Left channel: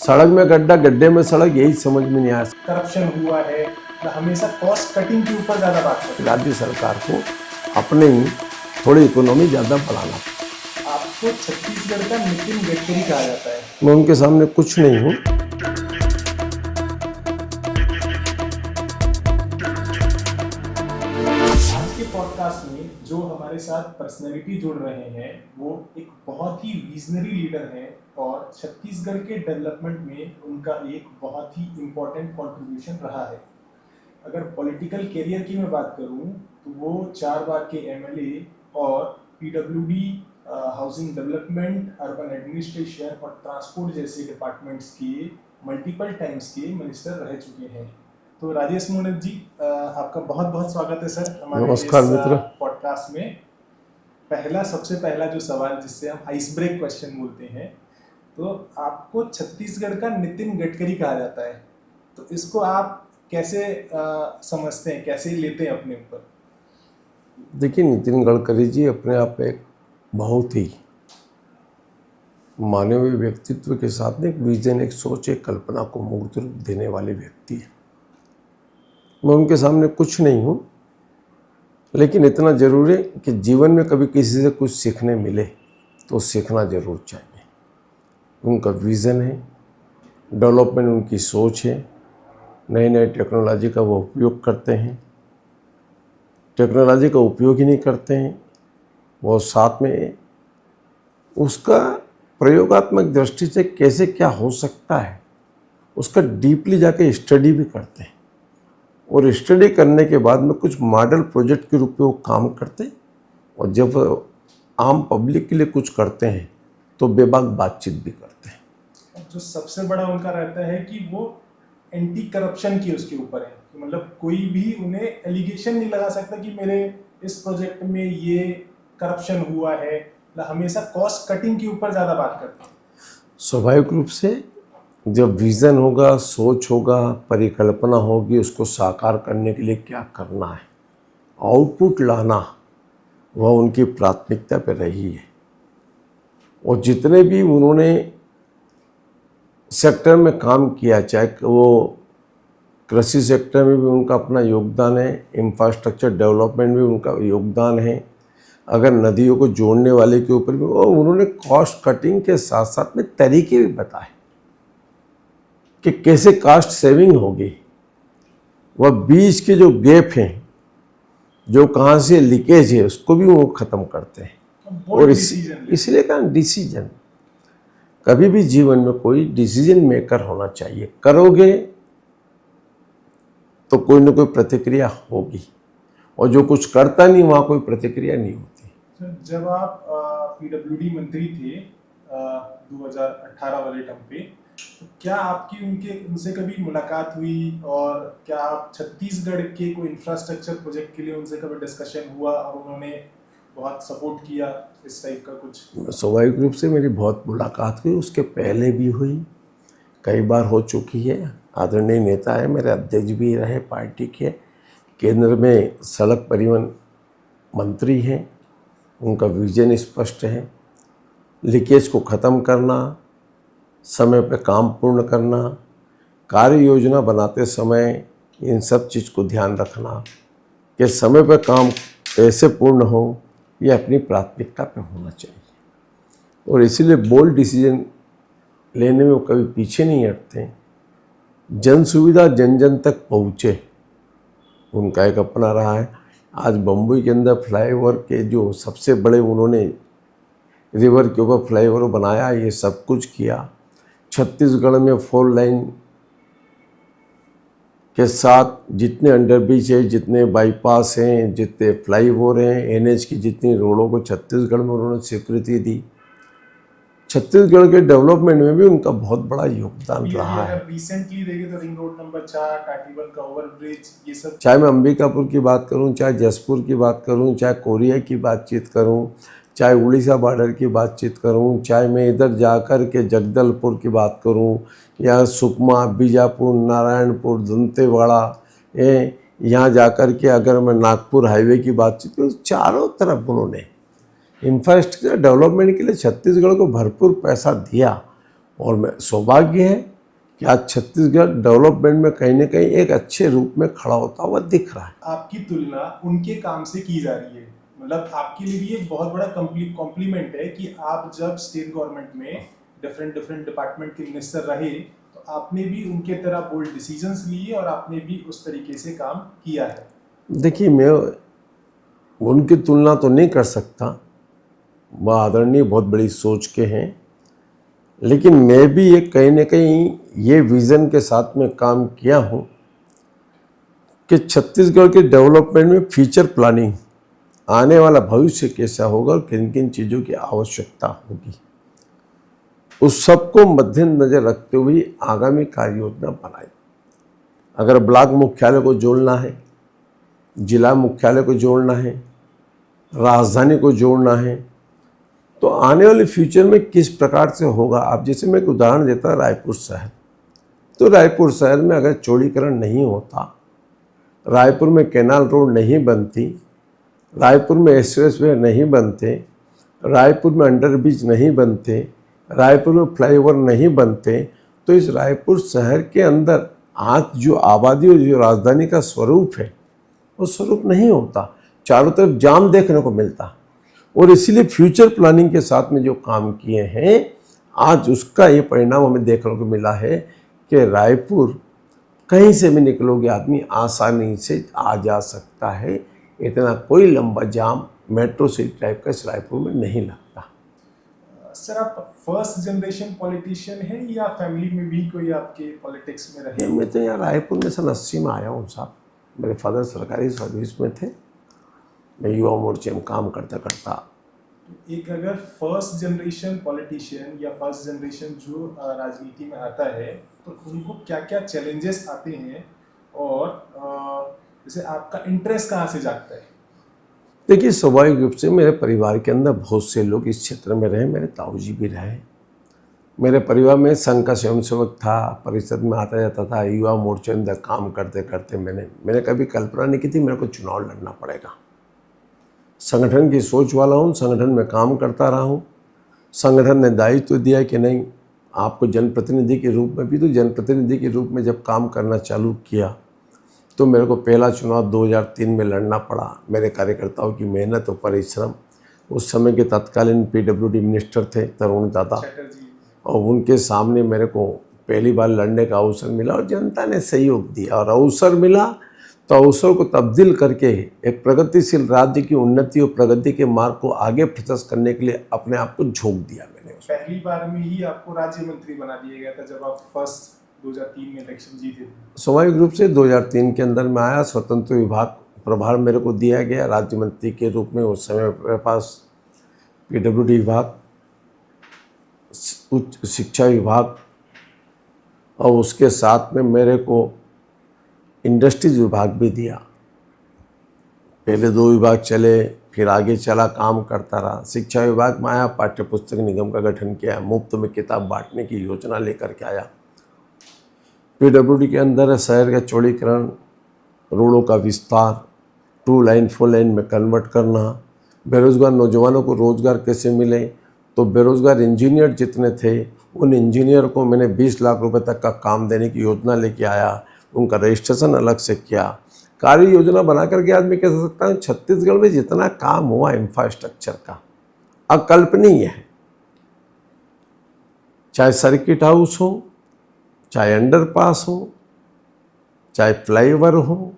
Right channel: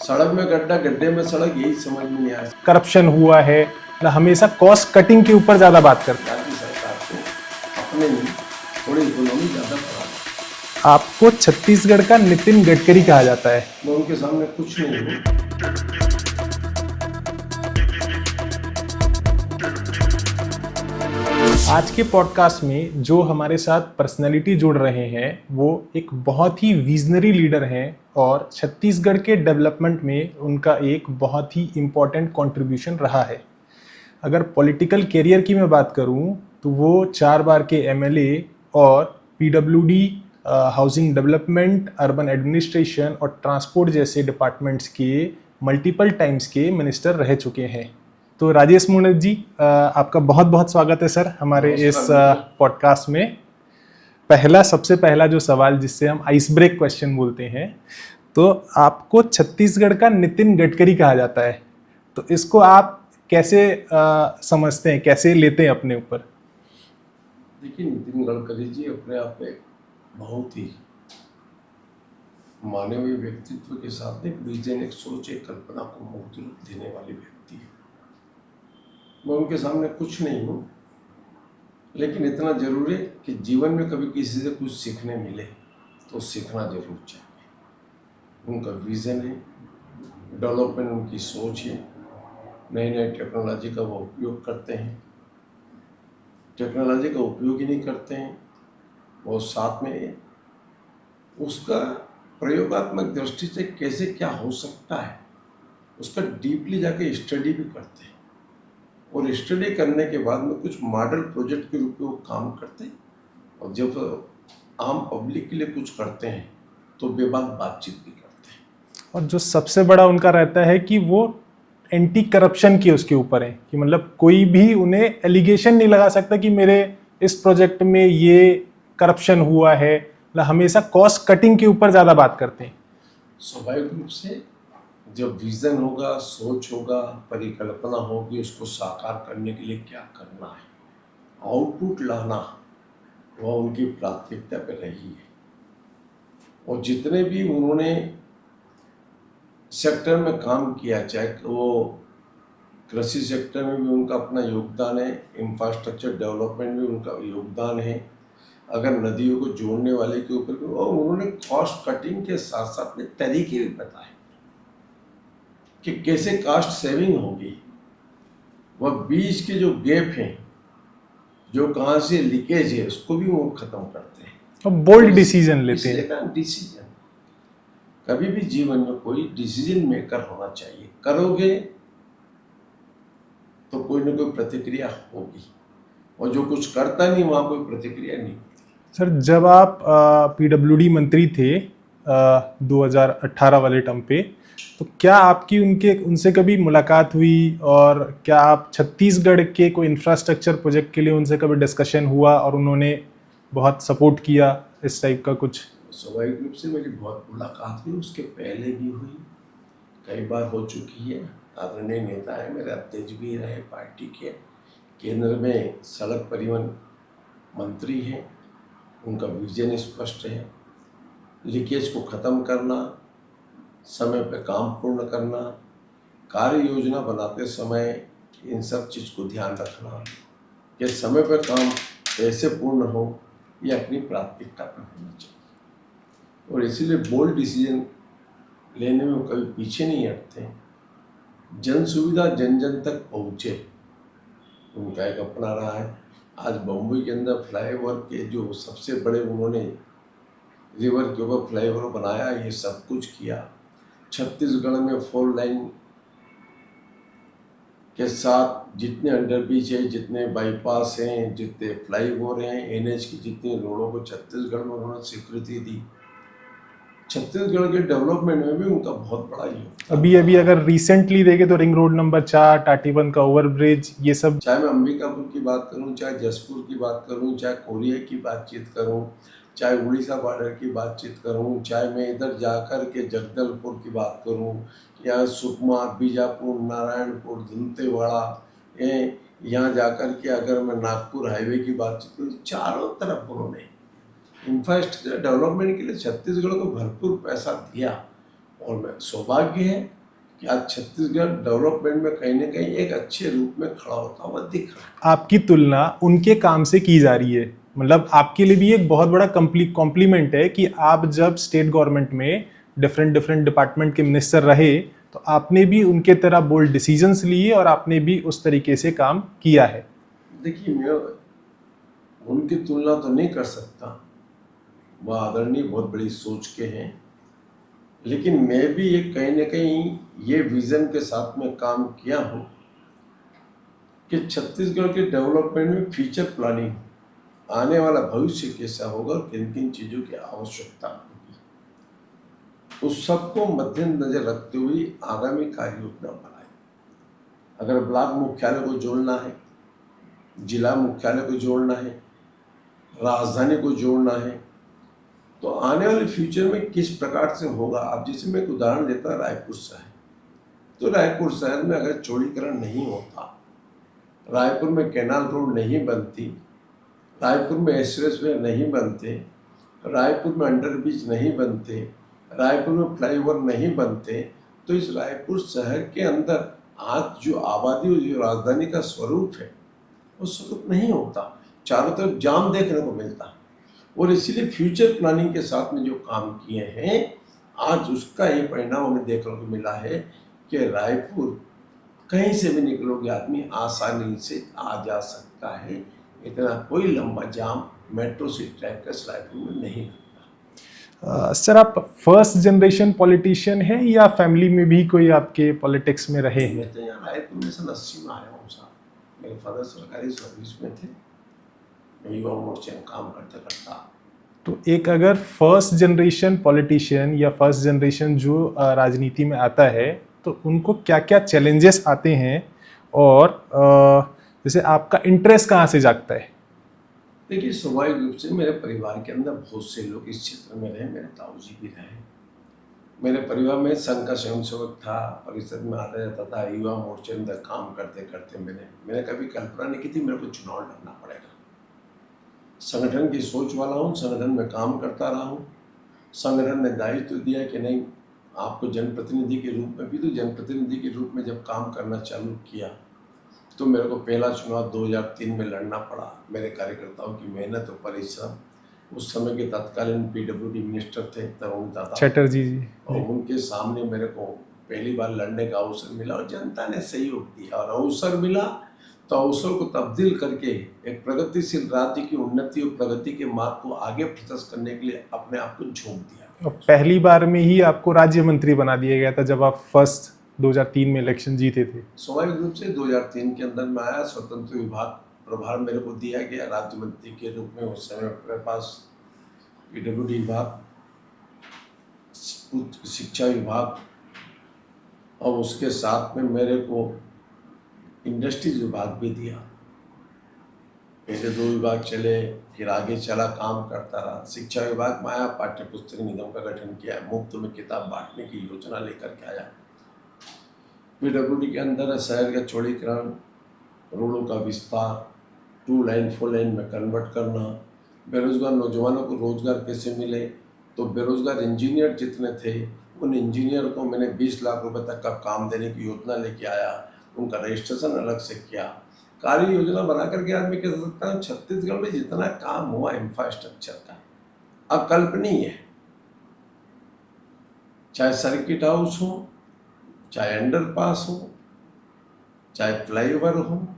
सड़क में गड्ढा, गड्ढे में सड़क, यही समझ में नहीं आया। करप्शन हुआ है, हमेशा कॉस्ट कटिंग के ऊपर ज्यादा बात करते हैं। राज्य सरकार को अपने ही थोड़ी इकोनॉमी ज्यादा बढ़ाना। आपको छत्तीसगढ़ का नितिन गडकरी कहा जाता है। मैं उनके सामने कुछ नहीं हूँ। आज के पॉडकास्ट में जो हमारे साथ पर्सनैलिटी जुड़ रहे हैं वो एक बहुत ही विजनरी लीडर हैं और छत्तीसगढ़ के डेवलपमेंट में उनका एक बहुत ही इम्पोर्टेंट कंट्रीब्यूशन रहा है। अगर पॉलिटिकल कैरियर की मैं बात करूं तो वो 4 बार के एमएलए और PWD, housing development, urban administration और ट्रांसपोर्ट जैसे डिपार्टमेंट्स के मल्टीपल टाइम्स के मिनिस्टर रह चुके हैं। तो राजेश मुणत जी, आपका बहुत बहुत स्वागत है सर हमारे इस पॉडकास्ट में। सबसे पहला जो सवाल जिससे हम आइस ब्रेक क्वेश्चन बोलते हैं, तो आपको छत्तीसगढ़ का नितिन गडकरी कहा जाता है, तो इसको आप कैसे समझते हैं, कैसे लेते हैं अपने ऊपर? देखिए, नितिन गडकरी जी अपने आप में एक बहुत ही मानवीय व्यक्तित्व के साथ में एक विजन, एक सोच, एक कल्पना को मूर्त रूप देने वाले व्यक्ति है। मैं उनके सामने कुछ नहीं हूँ, लेकिन इतना जरूर है कि जीवन में कभी किसी से कुछ सीखने मिले तो सीखना जरूर चाहिए। उनका विज़न है, डेवलपमेंट उनकी सोच है, नई नई टेक्नोलॉजी का वो उपयोग करते हैं। टेक्नोलॉजी का उपयोग ही नहीं करते हैं, वो साथ में उसका प्रयोगात्मक दृष्टि से कैसे क्या हो सकता है उसका डीपली जाके स्टडी भी करते हैं। और स्टडी करने के बाद में कुछ मॉडल प्रोजेक्ट के रूप में वो काम करते हैं, और जब आम पब्लिक के लिए कुछ करते हैं तो बेबाक बातचीत भी करते हैं। और जो सबसे बड़ा उनका रहता है कि वो एंटी करप्शन की उसके ऊपर है, कि मतलब कोई भी उन्हें एलिगेशन नहीं लगा सकता कि मेरे इस प्रोजेक्ट में ये करप्शन हुआ है। हमेशा कॉस्ट कटिंग के ऊपर ज़्यादा बात करते हैं। स्वाभाविक रूप से जब विज़न होगा, सोच होगा, परिकल्पना होगी, उसको साकार करने के लिए क्या करना है, आउटपुट लाना, वह उनकी प्राथमिकता पर रही है। और जितने भी उन्होंने सेक्टर में काम किया, चाहे वो कृषि सेक्टर में भी उनका अपना योगदान है, इंफ्रास्ट्रक्चर डेवलपमेंट में उनका योगदान है, अगर नदियों को जोड़ने वाले के ऊपर भी, और उन्होंने कॉस्ट कटिंग के साथ साथ में तरीके भी बताए कि कैसे कॉस्ट सेविंग होगी। वह बीच के जो गैप हैं, जो कहाँ से लीकेज है, उसको भी वो ख़त्म करते हैं। तो बोल्ड डिसीजन लेते हैं। इसलिए कहा डिसीजन, कभी भी जीवन में कोई डिसीजन मेकर होना चाहिए। करोगे तो कोई ना कोई प्रतिक्रिया होगी, और जो कुछ करता नहीं वहाँ कोई प्रतिक्रिया नहीं होती। सर, जब आप पीडब्ल्यूडी मंत्री थे 2018 वाले टर्म पे, तो क्या आपकी उनसे कभी मुलाकात हुई, और क्या आप छत्तीसगढ़ के कोई इंफ्रास्ट्रक्चर प्रोजेक्ट के लिए उनसे कभी डिस्कशन हुआ और उन्होंने बहुत सपोर्ट किया, इस टाइप का कुछ? स्वाभाविक रूप से मेरी बहुत मुलाकात हुई, उसके पहले भी हुई, कई बार हो चुकी है। आदरणीय नेता है, मेरे अध्यक्ष भी रहे पार्टी के, केंद्र में सड़क परिवहन मंत्री हैं, उनका विजन स्पष्ट है, लीकेज को ख़त्म करना, समय पर काम पूर्ण करना, कार्य योजना बनाते समय इन सब चीज़ को ध्यान रखना कि समय पर काम कैसे पूर्ण हो, ये अपनी प्राथमिकता पर होना चाहिए। और इसीलिए बोल्ड डिसीजन लेने में वो कभी पीछे नहीं हटते। जन सुविधा जन जन तक पहुँचे, उनका एक अपना रहा है। आज बम्बई के अंदर फ्लाईओवर के जो सबसे बड़े उन्होंने रिवर के ऊपर फ्लाईओवर बनाया, ये सब कुछ किया। छत्तीसगढ़ में 4 लाइन के साथ जितने अंडरब्रिज है, जितने बाईपास हैं, जितने फ्लाईओवर हैं, एनएच की जितनी रोडों को छत्तीसगढ़ में उन्होंने स्वीकृति दी। छत्तीसगढ़ के डेवलपमेंट में भी उनका बहुत बड़ा योगदान अभी अगर रिसेंटली देखें तो रिंग रोड नंबर 4, टाटीबंध का ओवरब्रिज, ये सब, चाहे मैं अंबिकापुर की बात करूं, चाहे जसपुर की बात करूं, चाहे कोरिया की बातचीत करूं, चाहे उड़ीसा बॉर्डर की बातचीत करूं, चाहे मैं इधर जाकर के जगदलपुर की बात करूं, या सुकमा, बीजापुर, नारायणपुर, दंतेवाड़ा, यहाँ जाकर के अगर मैं नागपुर हाईवे की बातचीत करूँ, चारों तरफ उन्होंने इंफ्रास्ट्रक्चर डेवलपमेंट के लिए छत्तीसगढ़ को भरपूर पैसा दिया। और मैं सौभाग्य है कि आज छत्तीसगढ़ डेवलपमेंट में कहीं ना कहीं एक अच्छे रूप में खड़ा होता हुआ दिख रहा है। आपकी तुलना उनके काम से की जा रही है, मतलब आपके लिए भी एक बहुत बड़ा कॉम्प्लीमेंट है कि आप जब स्टेट गवर्नमेंट में डिफरेंट डिफरेंट डिपार्टमेंट के मिनिस्टर रहे तो आपने भी उनके तरह बोल्ड डिसीजंस लिए और आपने भी उस तरीके से काम किया है। देखिए, मैं उनकी तुलना तो नहीं कर सकता, वह आदरणीय बहुत बड़ी सोच के हैं, लेकिन मैं भी एक कहीं ना कहीं ये विज़न के साथ में काम किया हूँ कि छत्तीसगढ़ के डेवलपमेंट में फ्यूचर प्लानिंग, आने वाला भविष्य कैसा होगा और किन किन चीज़ों की आवश्यकता होगी, उस सबको मद्देनजर रखते हुए आगामी कार्य योजना बनाई। अगर ब्लॉक मुख्यालय को जोड़ना है, जिला मुख्यालय को जोड़ना है, राजधानी को जोड़ना है, तो आने वाले फ्यूचर में किस प्रकार से होगा। आप जैसे मैं एक उदाहरण देता रायपुर शहर, तो रायपुर शहर में अगर चौड़ीकरण नहीं होता, रायपुर में कैनाल रोड नहीं बनती, रायपुर में एक्सप्रेसवे नहीं बनते, रायपुर में अंडरब्रिज नहीं बनते, रायपुर में फ्लाईओवर नहीं बनते, तो इस रायपुर शहर के अंदर आज जो आबादी और जो राजधानी का स्वरूप है वो स्वरूप नहीं होता, चारों तरफ जाम देखने को मिलता। और इसीलिए फ्यूचर प्लानिंग के साथ में जो काम किए हैं, आज उसका ये परिणाम हमें देखने को मिला है कि रायपुर कहीं से भी निकलोगे आदमी आसानी से आ जा सकता है, इतना कोई लंबा जाम मेट्रो सिटी टाइप का इस रायपुर में नहीं लगता। सर, आप फर्स्ट जनरेशन पॉलिटिशियन हैं या फैमिली में भी कोई आपके पॉलिटिक्स में रहे? मैं तो यहाँ रायपुर में सन 80 में आया हूँ साहब। मेरे फादर सरकारी सर्विस में थे, मैं युवा मोर्चे में काम करता करता। तो एक अगर फर्स्ट जनरेशन पॉलिटिशियन या फर्स्ट जनरेशन जो राजनीति में आता है तो उनको क्या क्या चैलेंजेस आते हैं और जैसे आपका इंटरेस्ट कहाँ से जागता है? देखिए, स्वाभाविक रूप से मेरे परिवार के अंदर बहुत से लोग इस क्षेत्र में रहे, मेरे ताऊजी भी रहे। मेरे परिवार में संघ का स्वयंसेवक था, परिषद में आता जाता था, युवा मोर्चे अंदर काम करते करते मैंने कभी कल्पना नहीं की थी मेरे को चुनाव लड़ना पड़ेगा। संगठन की सोच वाला हूँ, संगठन में काम करता रहा हूँ। संगठन ने दायित्व दिया कि नहीं, आपको जनप्रतिनिधि के रूप में भी, तो जनप्रतिनिधि के रूप में जब काम करना चालू किया तो मेरे को पहला चुनाव 2003 में लड़ना पड़ा। मेरे कार्यकर्ताओं की मेहनत और परिश्रम, उस समय के तत्कालीन पीडब्ल्यूडी मिनिस्टर थे तरुण दादा चटर्जी जी, और उनके सामने मेरे को पहली बार लड़ने का अवसर मिला और जनता ने सहयोग दिया। और अवसर मिला तो अवसर को तब्दील करके एक प्रगतिशील राज्य की उन्नति और प्रगति के मार्ग को आगे प्रशस्त करने के लिए अपने आप को झोंक दिया। पहली बार में ही आपको राज्य मंत्री बना दिया गया था जब आप फर्स्ट 2003 में इलेक्शन जीते थे। स्वाभाविक रूप से 2003 के अंदर में आया, स्वतंत्र विभाग प्रभार मेरे को दिया गया राज्य मंत्री के रूप में। उस समय मेरे पास पीडब्ल्यूडी विभाग, उच्च शिक्षा विभाग और उसके साथ में मेरे को इंडस्ट्रीज विभाग भी दिया। पहले 2 विभाग चले, फिर आगे चला, काम करता रहा। शिक्षा विभाग में आया, पाठ्य पुस्तक निगम का गठन किया, मुफ्त में किताब बांटने की योजना लेकर के आया। पीडब्ल्यूडी के अंदर शहर का चौड़ीकरण, रोडों का विस्तार, 2 लाइन 4 लाइन में कन्वर्ट करना, बेरोजगार नौजवानों को रोजगार कैसे मिले, तो बेरोजगार इंजीनियर जितने थे उन इंजीनियर को मैंने 20 लाख रुपए तक का काम देने की योजना लेके आया, उनका रजिस्ट्रेशन अलग से किया। कार्य योजना बना करके आदमी कह सकता है छत्तीसगढ़ में जितना काम हुआ इंफ्रास्ट्रक्चर का अकल्पनीय है। चाहे सर्किट हाउस हो, चाहे अंडरपास हो, चाहे फ्लाईओवर हो,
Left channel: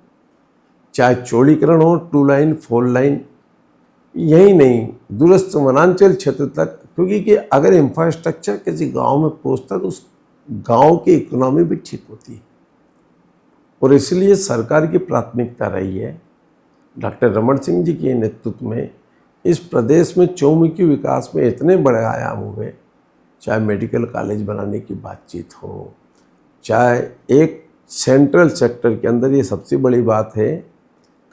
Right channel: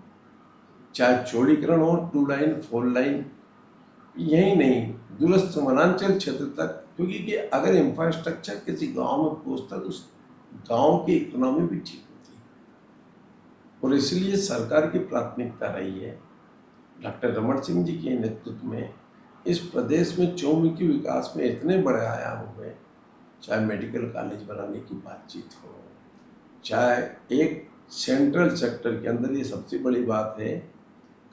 चाहे चौड़ीकरण हो, 2 लाइन 4 लाइन, यही नहीं दूरस्थ वनांचल क्षेत्र तक, क्योंकि कि अगर इंफ्रास्ट्रक्चर किसी गांव में पहुंचता तो उस गांव की इकोनॉमी भी ठीक होती है। और इसलिए सरकार की प्राथमिकता रही है डॉक्टर रमन सिंह जी के नेतृत्व में इस प्रदेश में चौमुखी विकास में इतने बड़े आयाम हुए, चाहे मेडिकल कॉलेज बनाने की बातचीत हो, चाहे एक सेंट्रल सेक्टर के अंदर ये सबसे बड़ी बात है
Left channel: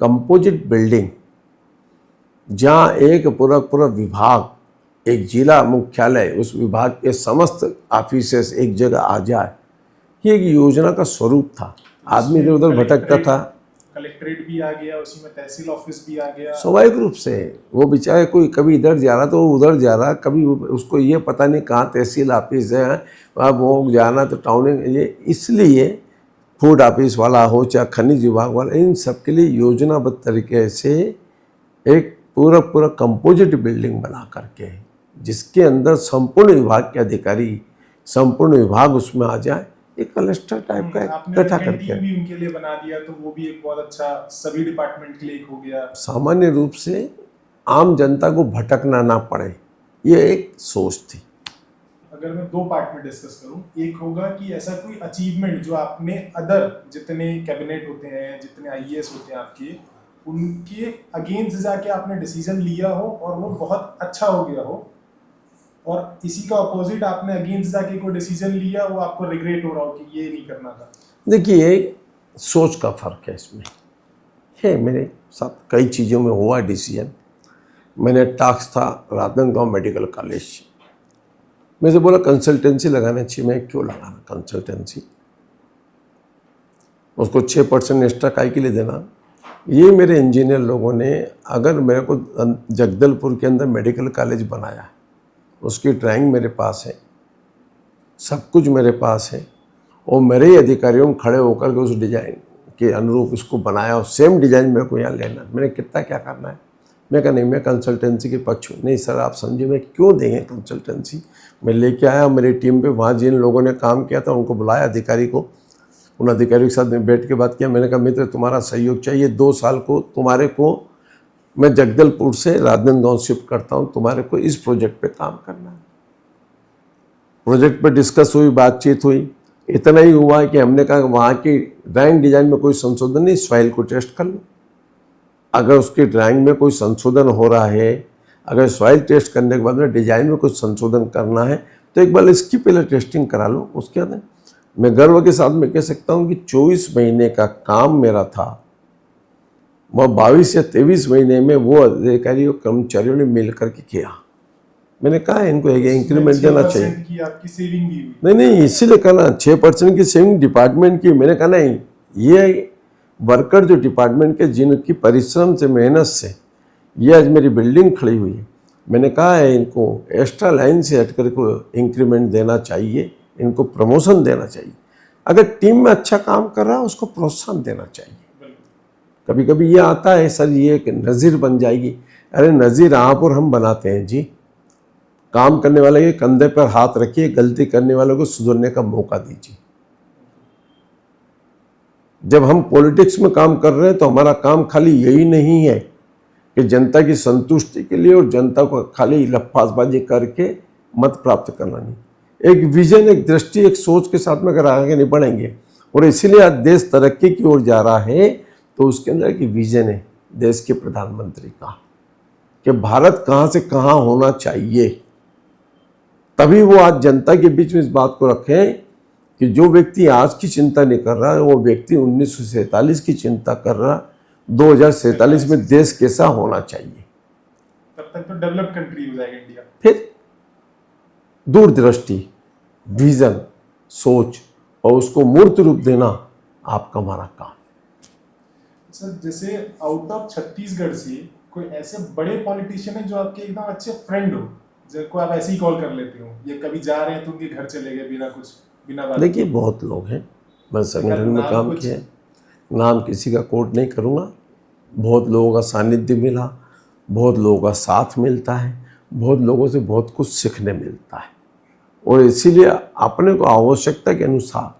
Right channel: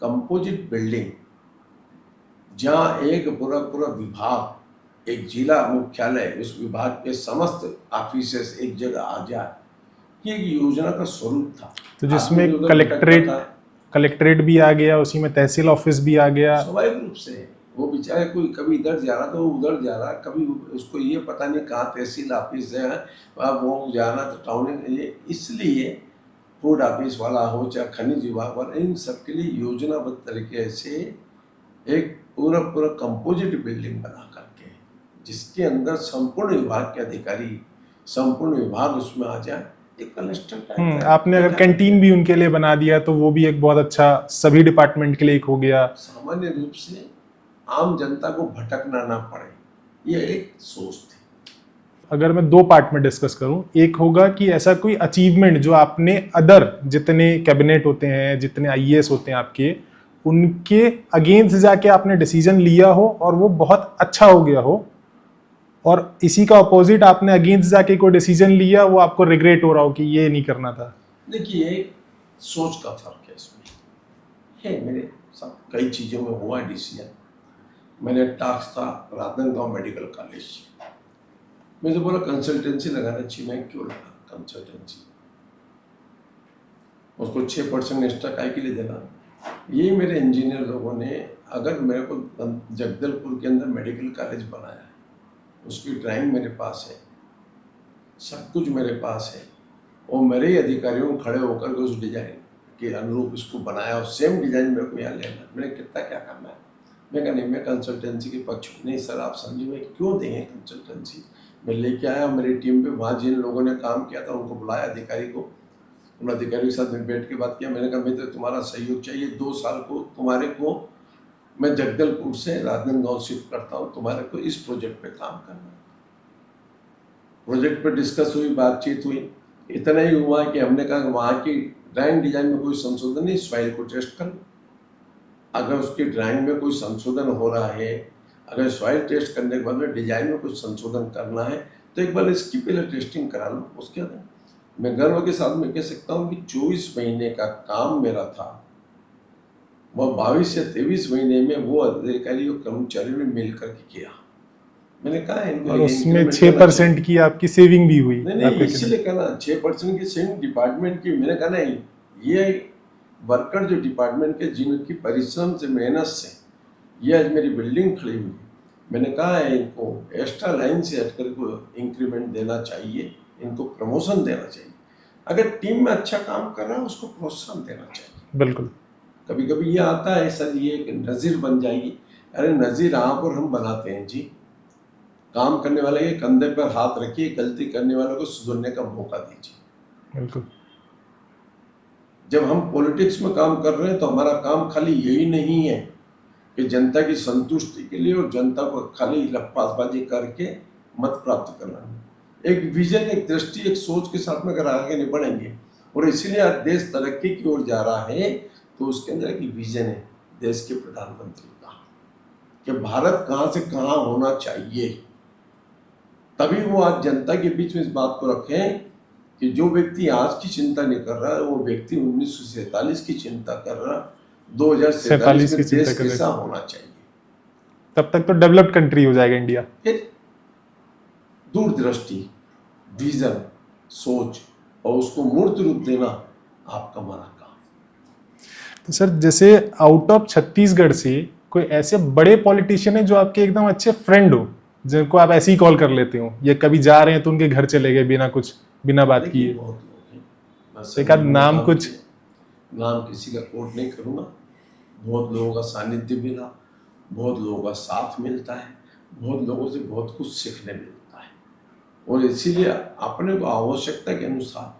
कंपोजिट बिल्डिंग, जहाँ एक पूरा विभाग, एक जिला मुख्यालय, उस विभाग के समस्त ऑफिसेस एक जगह आ जाए, ये एक योजना का स्वरूप था। तो आदमी इधर भटकता था, कलेक्ट्रेट भी आ गया, उसी में तहसील ऑफिस भी आ गया। स्वाभाविक रूप से वो बेचारे कोई कभी इधर जा रहा तो वो उधर जा रहा, कभी उसको ये पता नहीं कहाँ तहसील ऑफिस है, अब वो जाना तो टाउन, ये इसलिए फूड ऑफिस वाला हो चाहे खनिज विभाग वाला, इन सब के लिए योजनाबद्ध तरीके से एक पूरा पूरा कंपोजिट बिल्डिंग बना करके जिसके अंदर संपूर्ण विभाग के अधिकारी, संपूर्ण विभाग उसमें आ जाए, एक क्लस्टर टाइप का आपने कैंटीन भी उनके लिए बना दिया, तो वो भी एक बहुत अच्छा सभी डिपार्टमेंट के लिए एक हो गया। सामान्य रूप से आम जनता को भटकना ना पड़े, ये एक सोच थी। अगर मैं दो पार्ट में डिस्कस करूं, एक होगा कि ऐसा कोई अचीवमेंट जो आपने अदर जितने कैबिनेट होते हैं, जितने आईएएस होते हैं आपके, उनके अगेंस्ट जाके आपने डिसीजन लिया हो और वो बहुत अच्छा हो गया हो, और इसी का अपोजिट आपने अगेंस्ट जाके कोई डिसीजन लिया, वो आपको रिग्रेट हो रहा हो कि ये नहीं करना था। देखिए सोच का फर्क है इसमें, है मेरे साथ कई चीज़ों में हुआ डिसीजन। मैंने टास्क था राजनांदगांव मेडिकल कॉलेज, मैं से बोला कंसल्टेंसी लगाना चाहिए, मैं क्यों लगाना कंसल्टेंसी, उसको 6% एक्स्ट्रा काय के लिए देना। ये मेरे इंजीनियर लोगों ने अगर मेरे को जगदलपुर के अंदर मेडिकल कॉलेज बनाया, उसकी ड्राइंग मेरे पास है, सब कुछ मेरे पास है, और मेरे ही अधिकारियों खड़े होकर के उस डिज़ाइन के अनुरूप इसको बनाया, और सेम डिज़ाइन मेरे को यहाँ लेना, मैंने कितना क्या करना है। मैं कहा नहीं, मैं कंसल्टेंसी के पक्ष हूँ। नहीं सर आप समझे, मैं क्यों देंगे कंसल्टेंसी, मैं लेके आया मेरी टीम पे, वहाँ जिन लोगों ने काम किया था उनको बुलाया अधिकारी को, उन अधिकारियों के साथ में बैठ के बात किया। मैंने कहा मित्र तुम्हारा सहयोग चाहिए, 2 साल को तुम्हारे को मैं जगदलपुर से राजनांदगांव शिफ्ट करता हूँ, तुम्हारे को इस प्रोजेक्ट पे काम करना है। प्रोजेक्ट पे डिस्कस हुई, बातचीत हुई, इतना ही हुआ कि हमने कहा वहाँ की ड्राइंग डिजाइन में कोई संशोधन नहीं, इस फाइल को टेस्ट कर लो, अगर उसकी ड्राइंग में कोई संशोधन हो रहा है, अगर सॉइल टेस्ट करने के बाद में डिजाइन में कुछ संशोधन करना है तो एक बार इसकी पहले टेस्टिंग करा लो। उसके बाद मैं गर्व के साथ में कह सकता हूँ कि 24 महीने का काम मेरा था, वह 22 या 23 महीने में वो अधिकारियों कर्मचारियों ने मिल करके किया। मैंने कहा इनको इंक्रीमेंट 6% की आपकी सेविंग भी हुई। नहीं इसीलिए कहा ना 6% की सेविंग डिपार्टमेंट की। मैंने कहा नहीं, ये वर्कर जो डिपार्टमेंट के जिनकी परिश्रम से मेहनत से ये आज मेरी बिल्डिंग खड़ी हुई है, मैंने कहा है इनको एक्स्ट्रा लाइन से हटकर को इंक्रीमेंट देना चाहिए, इनको प्रमोशन देना चाहिए। अगर टीम में अच्छा काम कर रहा है उसको प्रोत्साहन देना चाहिए। बिल्कुल। कभी कभी ये आता है सर ये एक नज़ीर बन जाएगी, अरे नज़ीर आप और हम बनाते हैं जी। काम करने वाले के कंधे पर हाथ रखिए, गलती करने वालों को सुधरने का मौका दीजिए। बिल्कुल। जब हम पॉलिटिक्स में काम कर रहे हैं तो हमारा काम खाली यही नहीं है कि जनता की संतुष्टि के लिए और जनता को खाली लफ्फाजबाजी करके मत प्राप्त करना नहीं। एक विजन, एक दृष्टि, एक सोच के साथ में अगर आगे नहीं बढ़ेंगे, और इसीलिए आज देश तरक्की की ओर जा रहा है, तो उसके अंदर एक विजन है देश के प्रधानमंत्री का कि भारत कहाँ से कहाँ होना चाहिए। तभी वो आज जनता के बीच में इस बात को रखें कि जो व्यक्ति आज की चिंता नहीं कर रहा है वो व्यक्ति 1947 की चिंता कर रहा, 2047 में देश कैसा होना चाहिए। तब तक तो डेवलप्ड कंट्री हो जाएगा इंडिया। फिर दूरदृष्टि, विजन, सोच और उसको मूर्त रूप देना आपका हमारा काम। तो सर जैसे आउट ऑफ छत्तीसगढ़ से कोई ऐसे बड़े पॉलिटिशियन है जो आपके एकदम अच्छे फ्रेंड हो, जिनको आप ऐसे ही कॉल कर लेते हो, या कभी जा रहे हैं तो उनके घर चले गए बिना बात किए? देखिए बहुत लोग हैं, बस नाम कुछ नाम किसी का कोट नहीं करूँगा। बहुत लोगों का सानिध्य मिला, बहुत लोगों का साथ मिलता है, बहुत लोगों से बहुत कुछ सीखने मिलता है, और इसीलिए अपने को आवश्यकता के अनुसार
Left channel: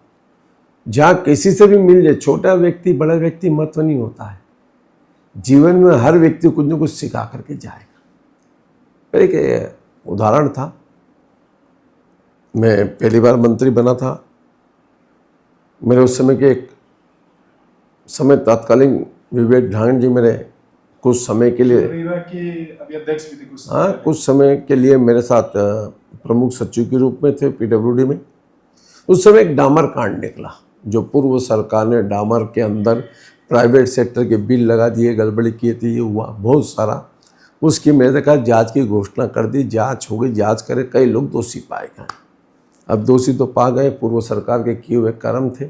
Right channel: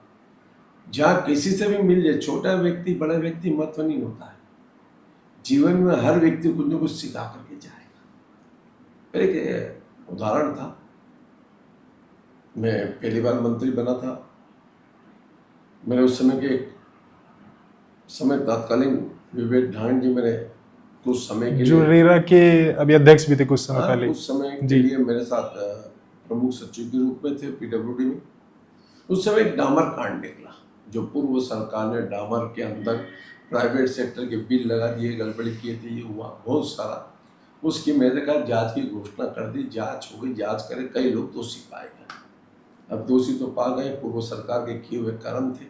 जहाँ किसी से भी मिल जाए, छोटा व्यक्ति बड़ा व्यक्ति महत्व नहीं होता है, जीवन में हर व्यक्ति कुछ न कुछ सिखा करके जाएगा। एक उदाहरण था, मैं पहली बार मंत्री बना था, मेरे उस समय के तत्कालीन विवेक ढांड जी मेरे कुछ समय के लिए रेरा के अभी अध्यक्ष भी थे कुछ समय पहले। कुछ समय के लिए मेरे साथ प्रमुख सचिव के रूप में थे पीडब्ल्यूडी में। उस समय एक डामर कांड निकला, जो पूर्व सरकार ने डामर के अंदर प्राइवेट सेक्टर के बिल लगा दिए, गड़बड़ी किए थे, ये हुआ बहुत सारा। उसकी मैंने कहा जांच की घोषणा कर दी, जांच हो गई, जांच करे, कई लोग दोषी पाए गए। अब दोषी तो पा गए, पूर्व सरकार के किए हुए कर्म थे,